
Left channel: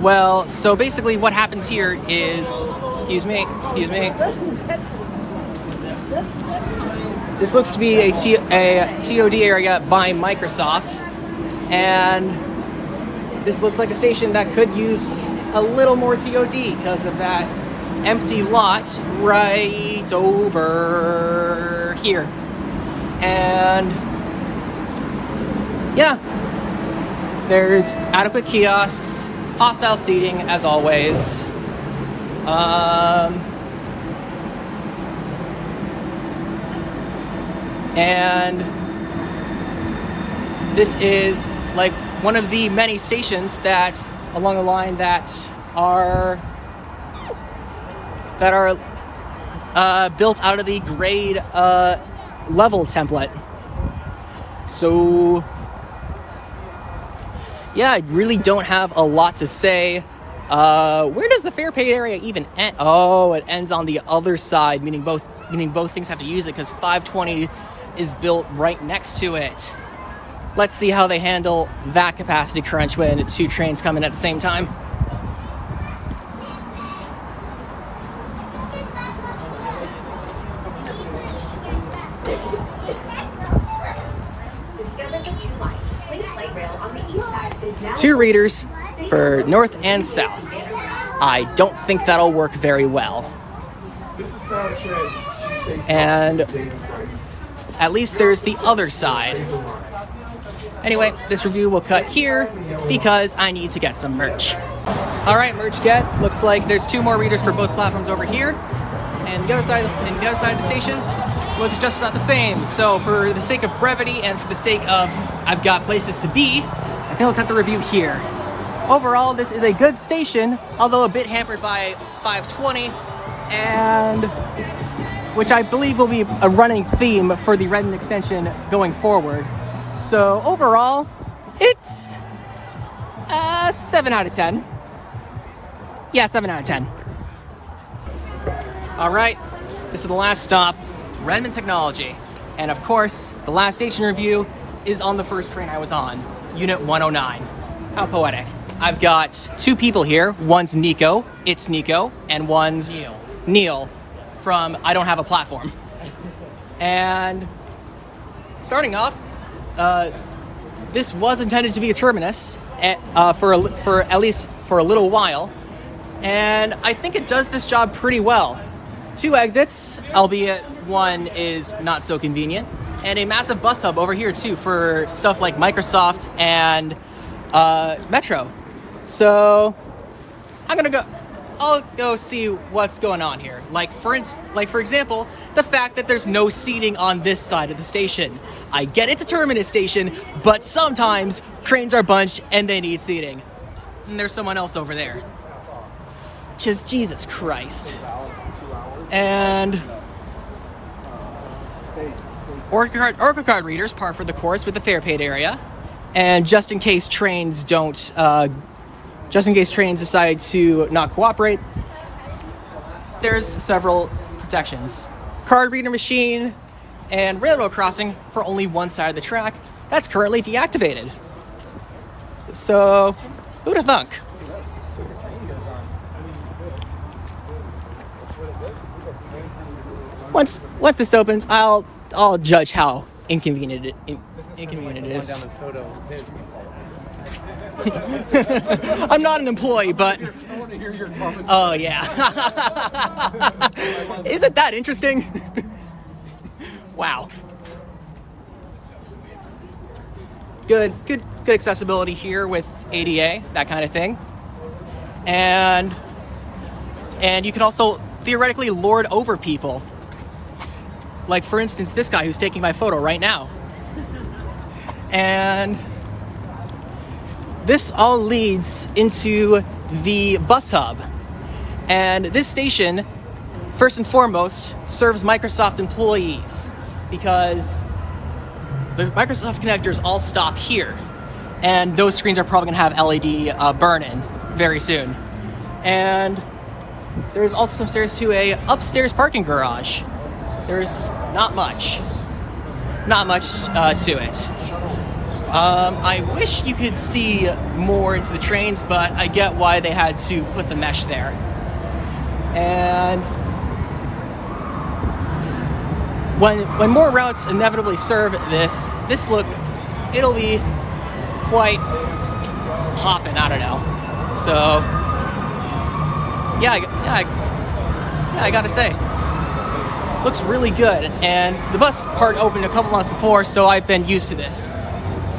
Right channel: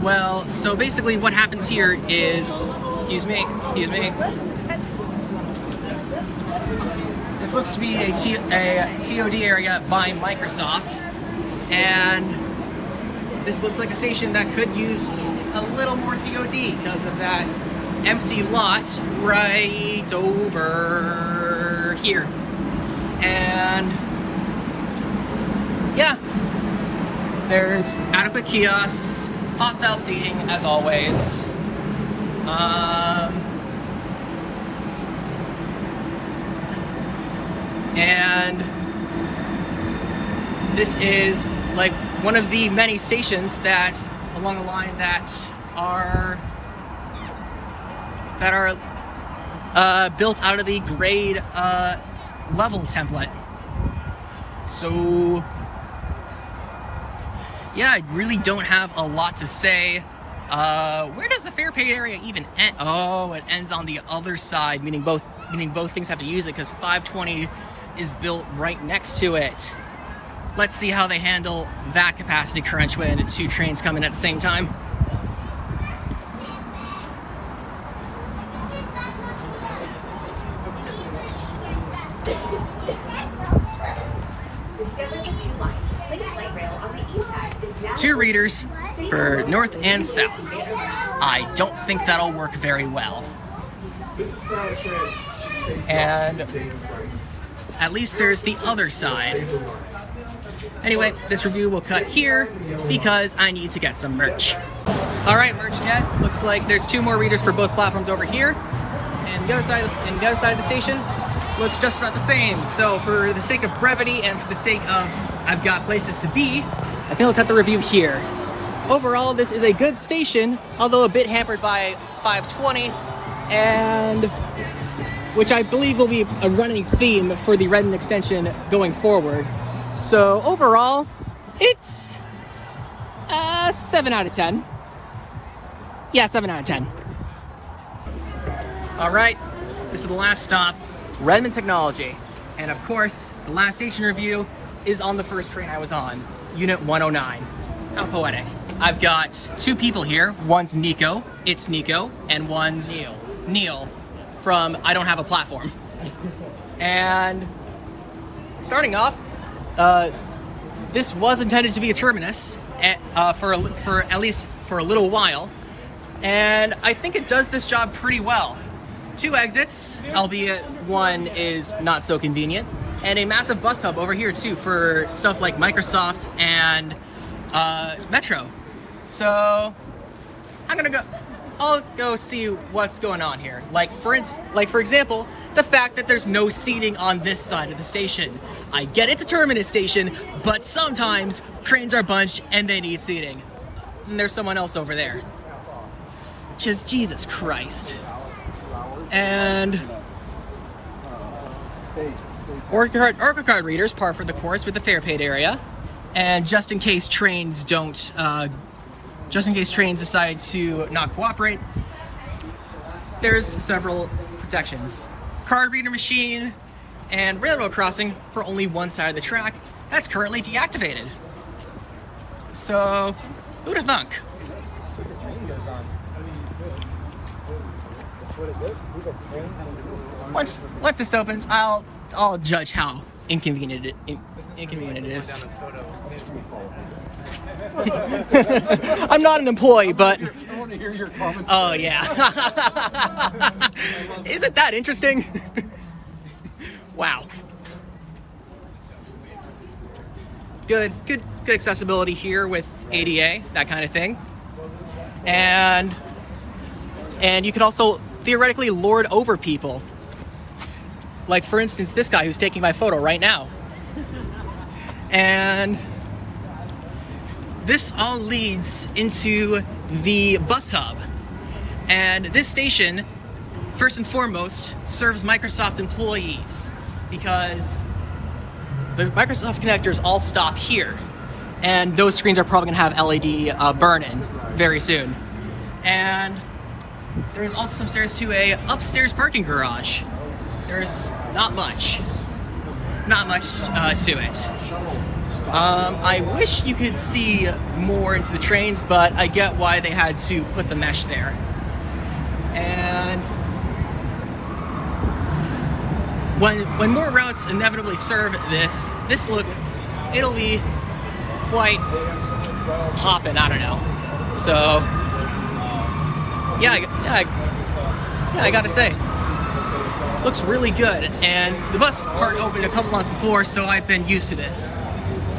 Well, so basically what happens here is, excuse me. This looks to be a TOD area by Microsoft, and this looks like a station that could use a little more TOD because of that empty lot right over here. And yeah, there's adequate kiosks, hostile seating as always. And this is like one of the many stations that along the line that are built out of the grade level template. So yeah, I really don't have a lot to say. Where does the fare paid area even end? Oh, it ends on the other side, meaning both things have to use it because 520 is built right next to it. Let's see how they handle that capacity crunch when two trains come in at the same time. Two readers for north and south. I don't think that'll work very well. And at least there's the other side. Anyway, this review will cut here because I need to get some merch. All right, merch get. Looks like there's two more readers for both platforms over here. And the other side of the station looks just about the same. So for the sake of brevity and for the sake of I've got places to be, I think I'll cut the review here. Overall, this is a good station, although a bit hampered by 520, and which I believe will be a running theme for the Redmond extension going forward. So overall, it's 7 out of 10. Yeah, 7 out of 10. All right, this is the last stop, Redmond Technology. And of course, the last station review is on the first train I was on, Unit 109. How poetic. I've got two people here. One's Nico, it's Nico, and one's Neil from I Don't Have a Platform. And starting off, this was intended to be a terminus for at least for a little while, and I think it does this job pretty well. Two exits, albeit one is not so convenient, and a massive bus hub over here too for stuff like Microsoft and Metro. So I'm gonna go I'll go see what's going on here. Like for example, the fact that there's no seating on this side of the station. I get it's a terminus station, but sometimes trains are bunched and they need seating. And there's someone else over there. Just Jesus Christ. And Orca card readers par for the course with the fare paid area. And just in case trains decide to not cooperate, there's several protections. Card reader machine and railroad crossing for only one side of the track. That's currently deactivated. So, who'd have thunk? Once this opens, I'll judge how inconvenient it is. I'm not an employee, but oh yeah. Isn't that interesting? Wow. Good accessibility here with ADA, that kind of thing. And you can also theoretically lord over people. Like for instance, this guy who's taking my photo right now. And this all leads into the bus hub. And this station, first and foremost, serves Microsoft employees because the Microsoft connectors all stop here. And those screens are probably gonna have LED burn-in very soon. And there's also some stairs to a upstairs parking garage. There's not much to it. I wish you could see more into the trains, but I get why they had to put the mesh there. And when more routes inevitably serve this look, it'll be quite poppin', I don't know. So yeah, I gotta say, looks really good. And the bus part opened a couple months before, so I've been used to this.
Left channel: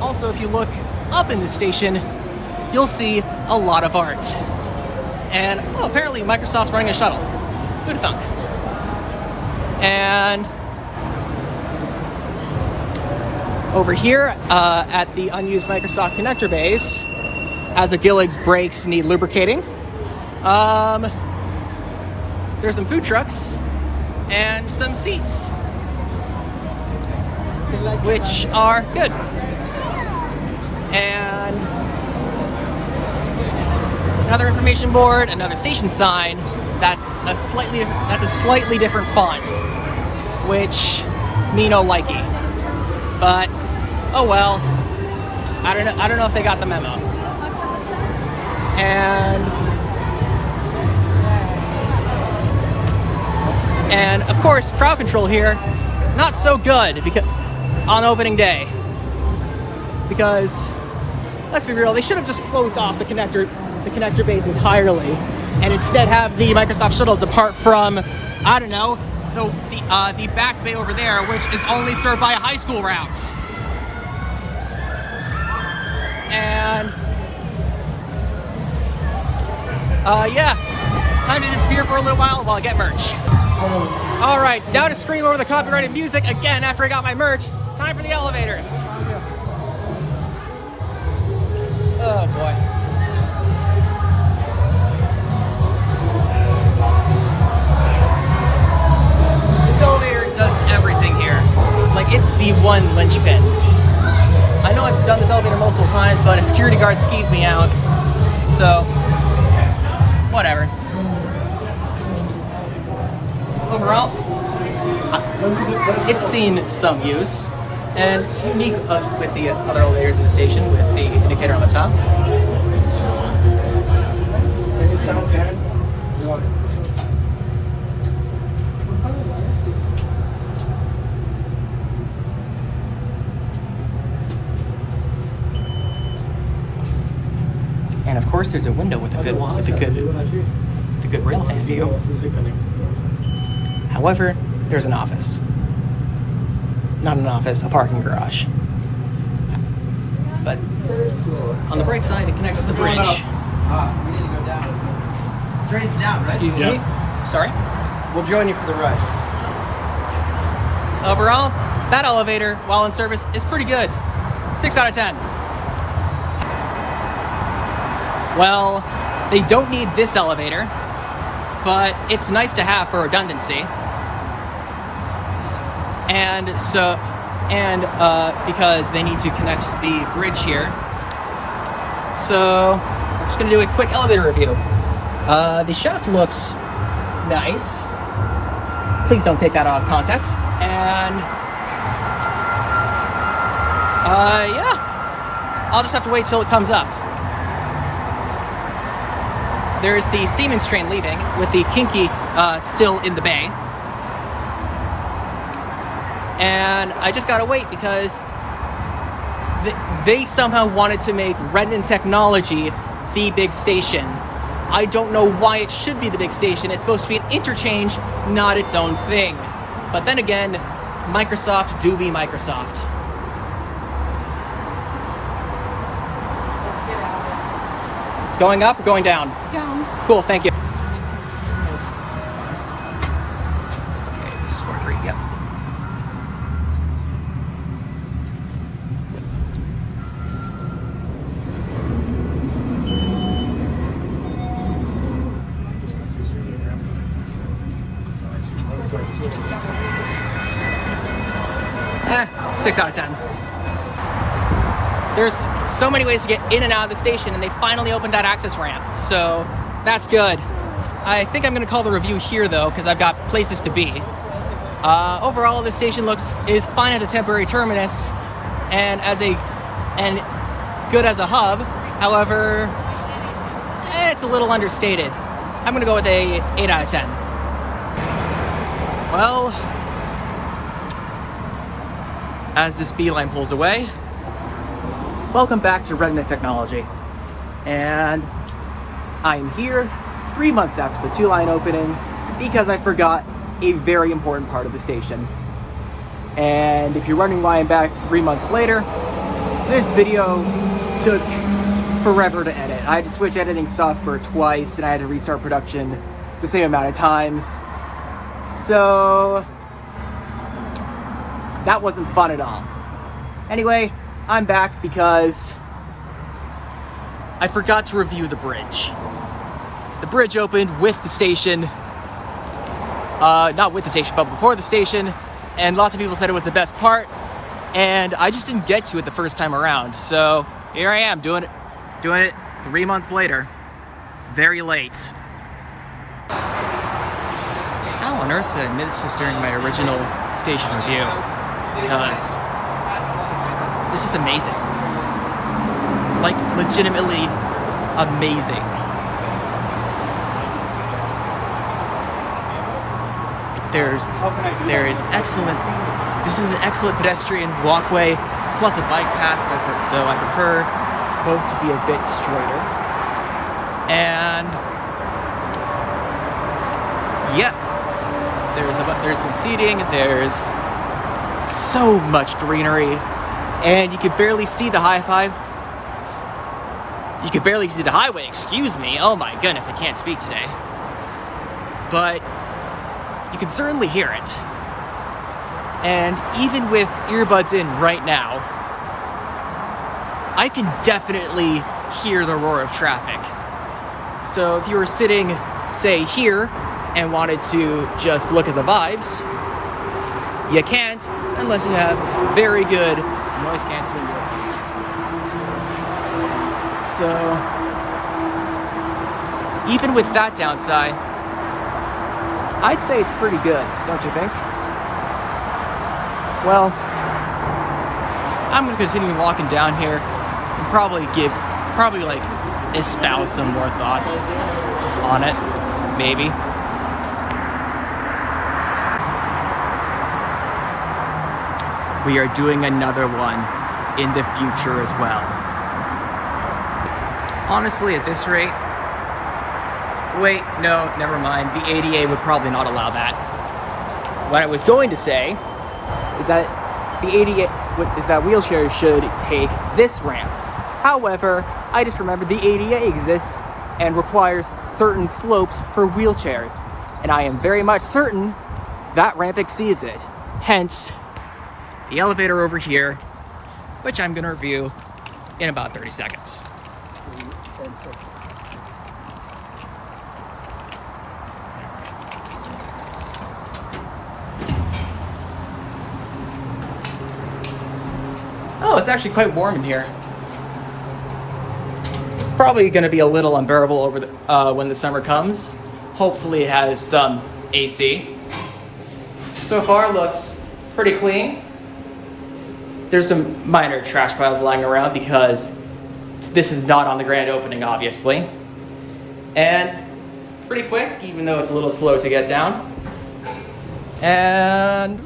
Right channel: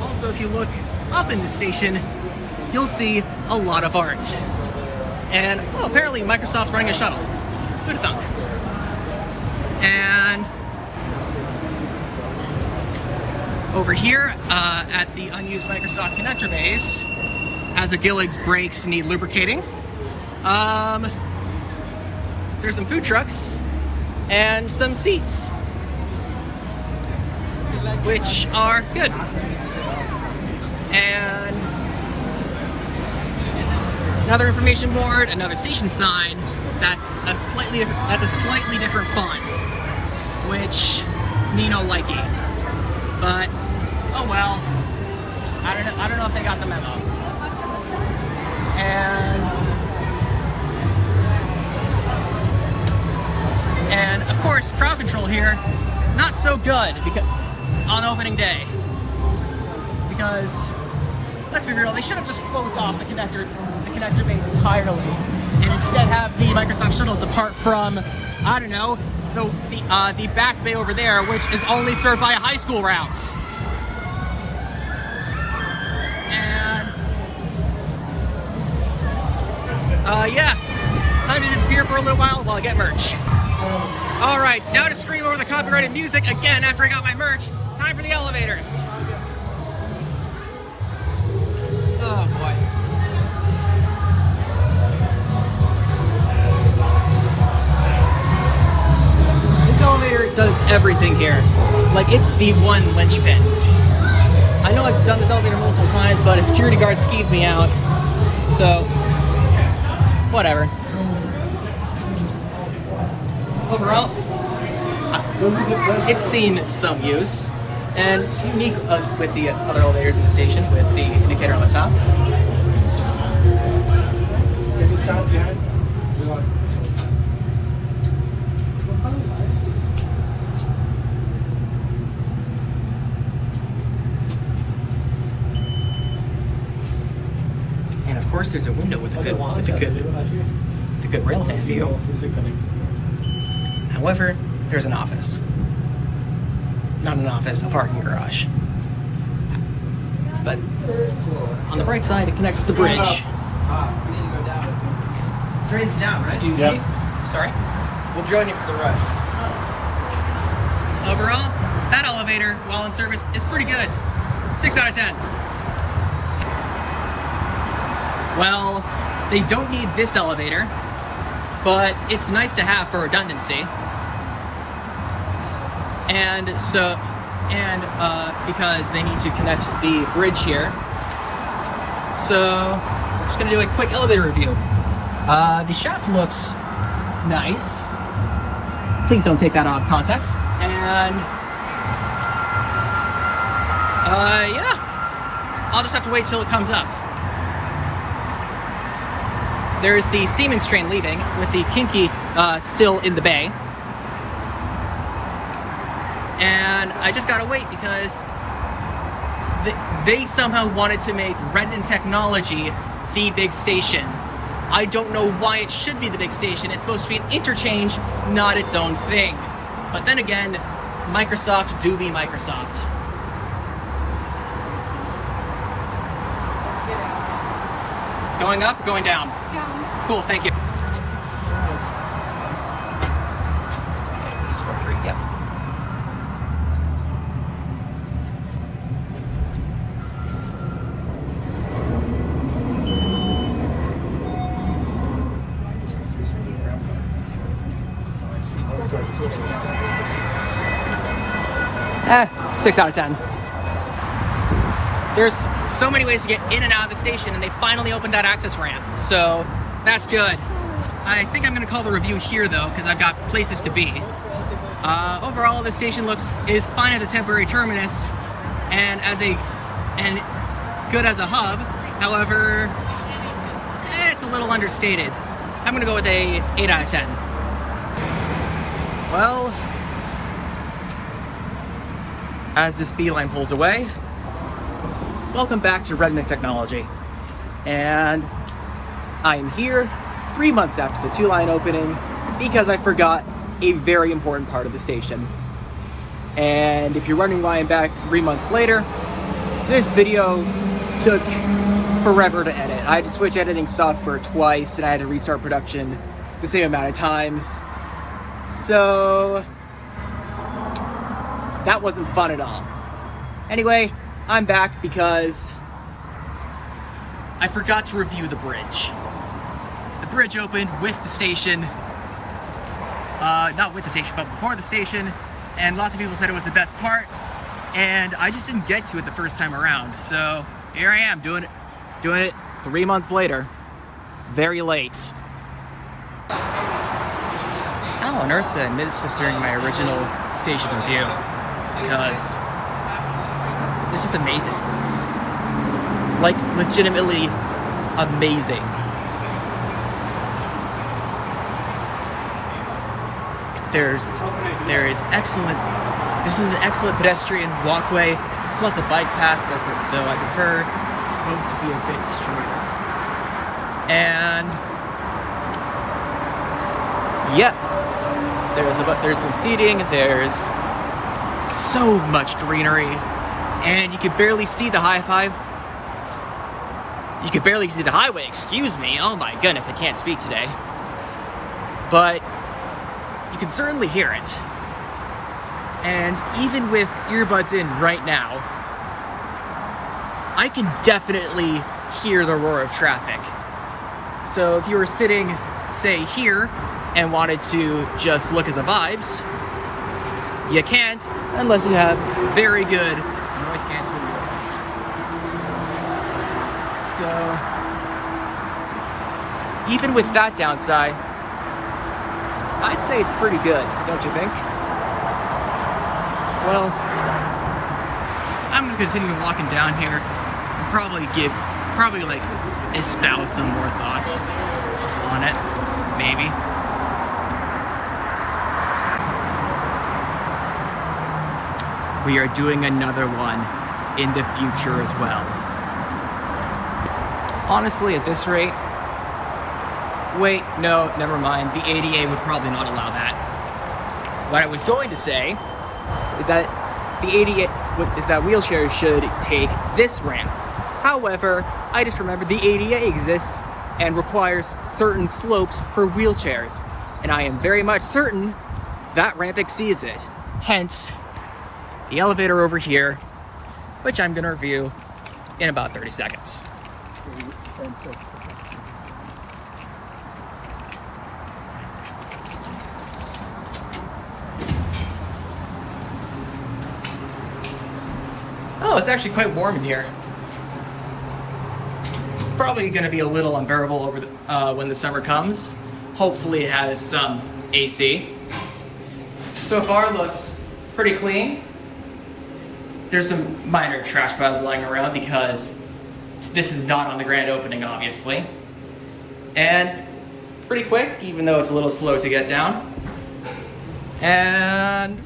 Also, if you look up in the station, you'll see a lot of art. And apparently Microsoft's running a shuttle. Who'd have thunk? And over here at the unused Microsoft connector bays, as the Gillig's brakes need lubricating, there's some food trucks and some seats, which are good. And another information board, another station sign. That's a slightly different font, which me no likey. But oh well. I don't know if they got the memo. And of course, crowd control here, not so good because on opening day. Because let's be real, they should have just closed off the connector base entirely, and instead have the Microsoft shuttle depart from, I don't know, the back bay over there, which is only served by a high school route. And yeah, time to disappear for a little while I get merch. All right, down to stream over the copyrighted music again after I got my merch. Time for the elevators. Oh boy. This elevator does everything here. Like, it's the one linchpin. I know I've done this elevator multiple times, but a security guard skeeved me out. So, whatever. Overall, it's seen some use. And it's unique with the other elevators in the station with the indicator on the top. And of course, there's a window with a good rail fan view. However, there's an office. Not an office, a parking garage. But on the bright side, it connects to the bridge. Trains Excuse me. Sorry. We'll join you for the ride. Overall, that elevator, while in service, is pretty good. 6 out of 10. Well, they don't need this elevator, but it's nice to have for redundancy. And because they need to connect the bridge here. So, I'm just gonna do a quick elevator review. The shaft looks nice. Please don't take that out of context. And, yeah. I'll just have to wait till it comes up. There's the Siemens train leaving, with the Kinky still in the bay. And I just gotta wait because they somehow wanted to make Redmond Technology the big station. I don't know why it should be the big station. It's supposed to be an interchange, not its own thing. But then again, Microsoft do be Microsoft. Going up or going down? Down. Cool, thank you. Okay, this is for free, yep. Eh, 6 out of 10. There's so many ways to get in and out of the station, and they finally opened that access ramp, so that's good. I think I'm gonna call the review here though, because I've got places to be. Overall, this station is fine as a temporary terminus and good as a hub. However, it's a little understated. I'm gonna go with a 8 out of 10. Well, as this beeline pulls away, welcome back to Redmond Technology. And I'm here 3 months after the 2-line opening because I forgot a very important part of the station. And if you're wondering why I'm back 3 months later, this video took forever to edit. I had to switch editing software twice and I had to restart production the same amount of times. So that wasn't fun at all. Anyway, I'm back because I forgot to review the bridge. The bridge opened with the station, not with the station, but before the station, and lots of people said it was the best part, and I just didn't get to it the first time around. So here I am doing it 3 months later, very late. How on earth did I miss this during my original station review? Because this is amazing. Like, legitimately amazing. There is excellent, this is an excellent pedestrian walkway, plus a bike path, though I prefer both to be a bit straighter. And, yeah, there's some seating, there's so much greenery, and you could barely see the You could barely see the highway, excuse me. Oh my goodness, I can't speak today. But you can certainly hear it. And even with earbuds in right now, I can definitely hear the roar of traffic. So if you were sitting, say, here and wanted to just look at the vibes, you can't unless you have very good noise canceling earbuds. So, even with that downside, I'd say it's pretty good, don't you think? Well, I'm gonna continue walking down here and probably espouse some more thoughts on it, maybe. We are doing another one in the future as well. Honestly, at this rate, wait, no, never mind. The ADA would probably not allow that. What I was going to say is that the ADA is that wheelchairs should take this ramp. However, I just remembered the ADA exists and requires certain slopes for wheelchairs. And I am very much certain that ramp exceeds it. Hence, the elevator over here, which I'm gonna review in about 30 seconds. Oh, it's actually quite warm in here. Probably gonna be a little unbearable over the, when the summer comes. Hopefully it has some AC. So far looks pretty clean. There's some minor trash piles lying around because this is not on the grand opening, obviously. And pretty quick, even though it's a little slow to get down. And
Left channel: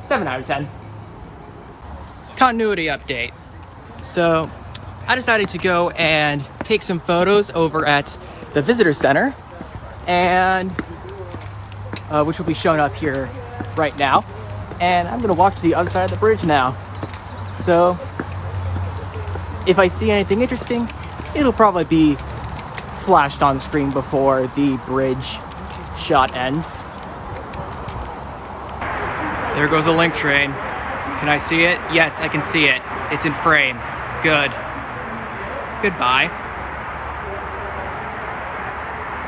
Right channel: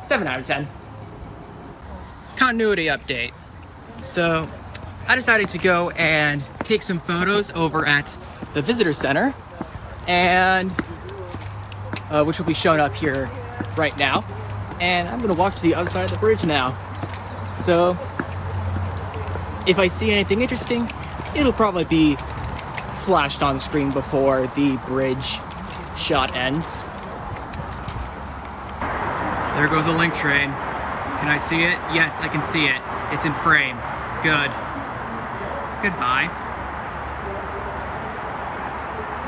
7 out of 10. Continuity update. So I decided to go and take some photos over at the visitor center, and which will be shown up here right now. And I'm gonna walk to the other side of the bridge now. So if I see anything interesting, it'll probably be flashed on screen before the bridge shot ends. There goes a link train. Can I see it? Yes, I can see it. It's in frame. Good. Goodbye.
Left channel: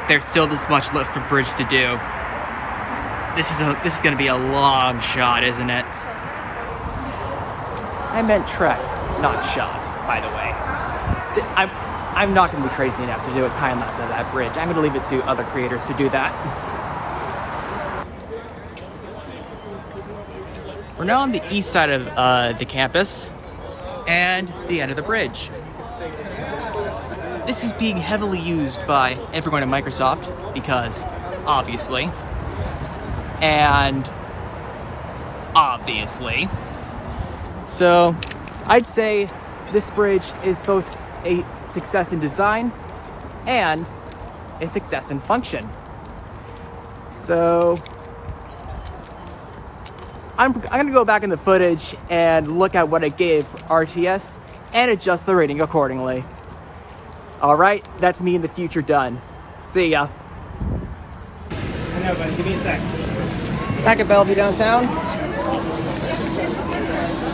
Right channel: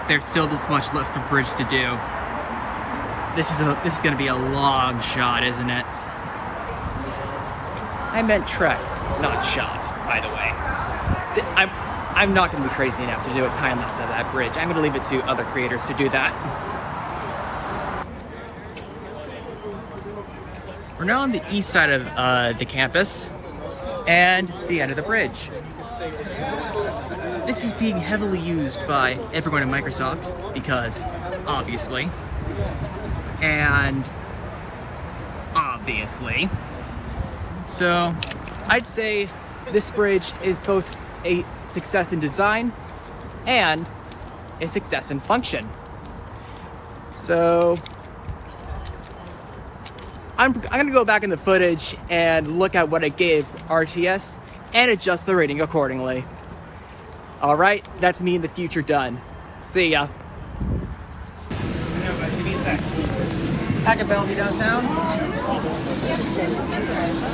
There's still this much left of bridge to do. This is gonna be a long shot, isn't it? I meant trek, not shot, by the way. I'm not gonna be crazy enough to do a time lapse of that bridge. I'm gonna leave it to other creators to do that. We're now on the east side of the campus and the end of the bridge. This is being heavily used by everyone at Microsoft because, obviously, and obviously. So I'd say this bridge is both a success in design and a success in function. So I'm gonna go back in the footage and look at what it gave RTS and adjust the rating accordingly. All right, that's me in the future done. See ya. Back at Bellevue downtown.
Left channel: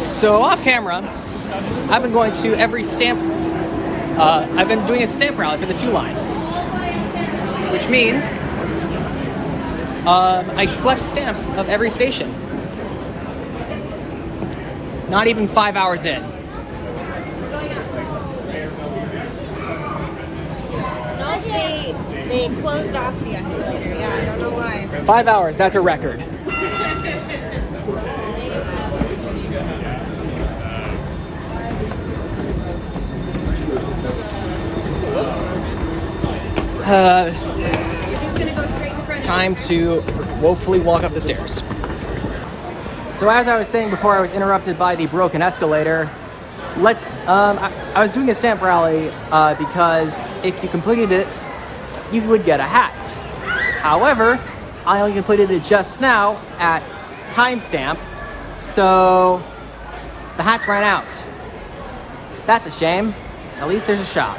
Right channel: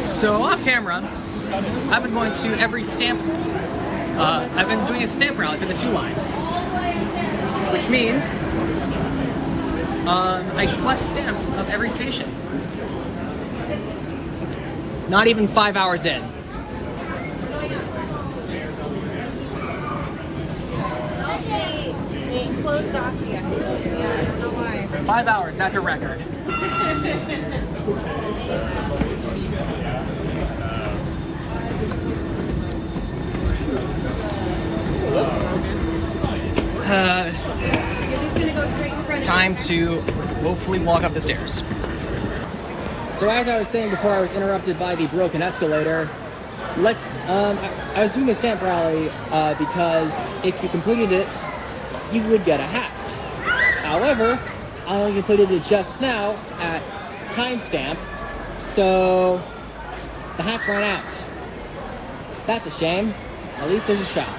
So off camera, I've been going to every stamp. I've been doing a stamp rally for the 2 line, which means I collect stamps of every station. Not even 5 hours in. They closed off the escalator. Yeah, I don't know why. 5 hours, that's a record. Time to woefully walk up the stairs. So as I was saying before I was interrupted by the broken escalator, I was doing a stamp rally because if you completed it, you would get a hat. However, I only completed it just now at timestamp, so the hats ran out. That's a shame. At least there's a shop.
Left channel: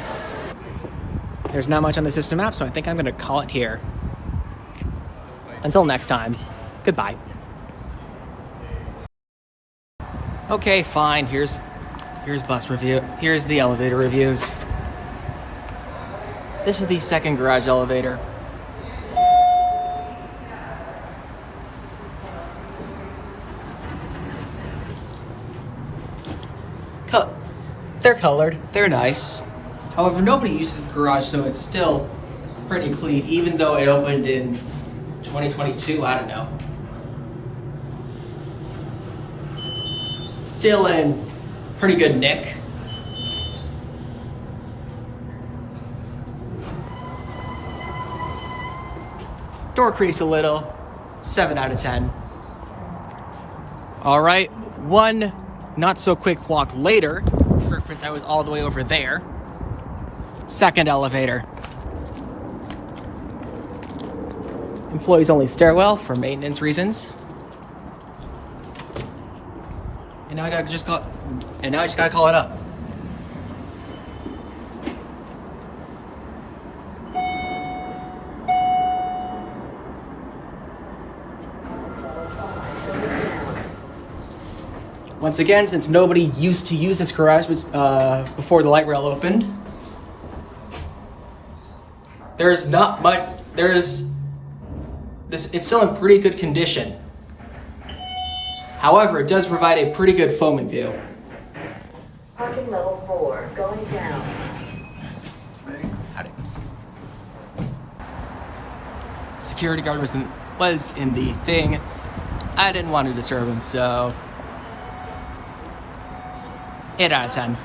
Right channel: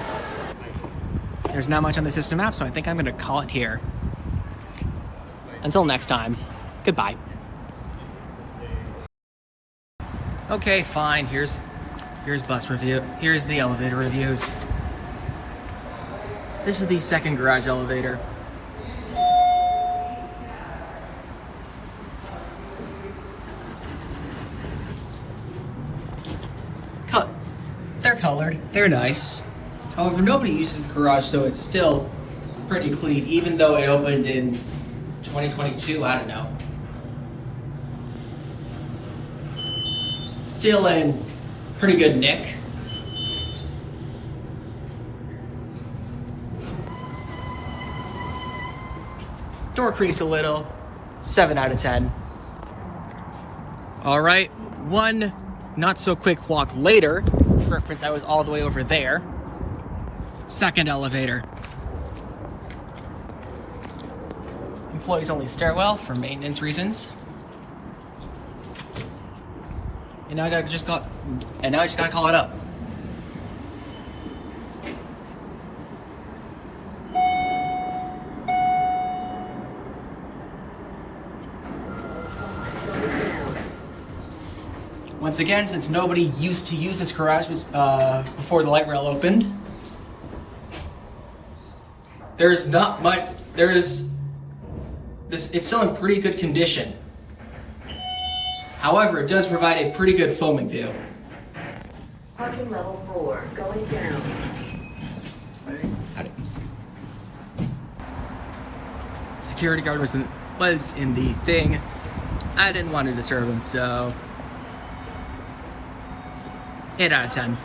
There's not much on the system app, so I think I'm gonna call it here. Until next time, goodbye. Okay, fine, here's bus review. Here's the elevator reviews. This is the second garage elevator. They're colored, they're nice. However, nobody uses the garage, so it's still pretty clean, even though it opened in 2022, I don't know. Still in pretty good nick. Door creaks a little, 7 out of 10. All right, one not so quick walk later, for reference, I was all the way over there. Second elevator. Employees only stairwell for maintenance reasons. And now I just gotta call it up. Once again, since nobody used to use this garage before the light rail opened, there's not much, it's still in pretty good condition. However, it does provide a pretty good foaming view. Parking level 4 going down. Howdy. Security guard was in the thing. I didn't want to disturb him, so 8 out of 10.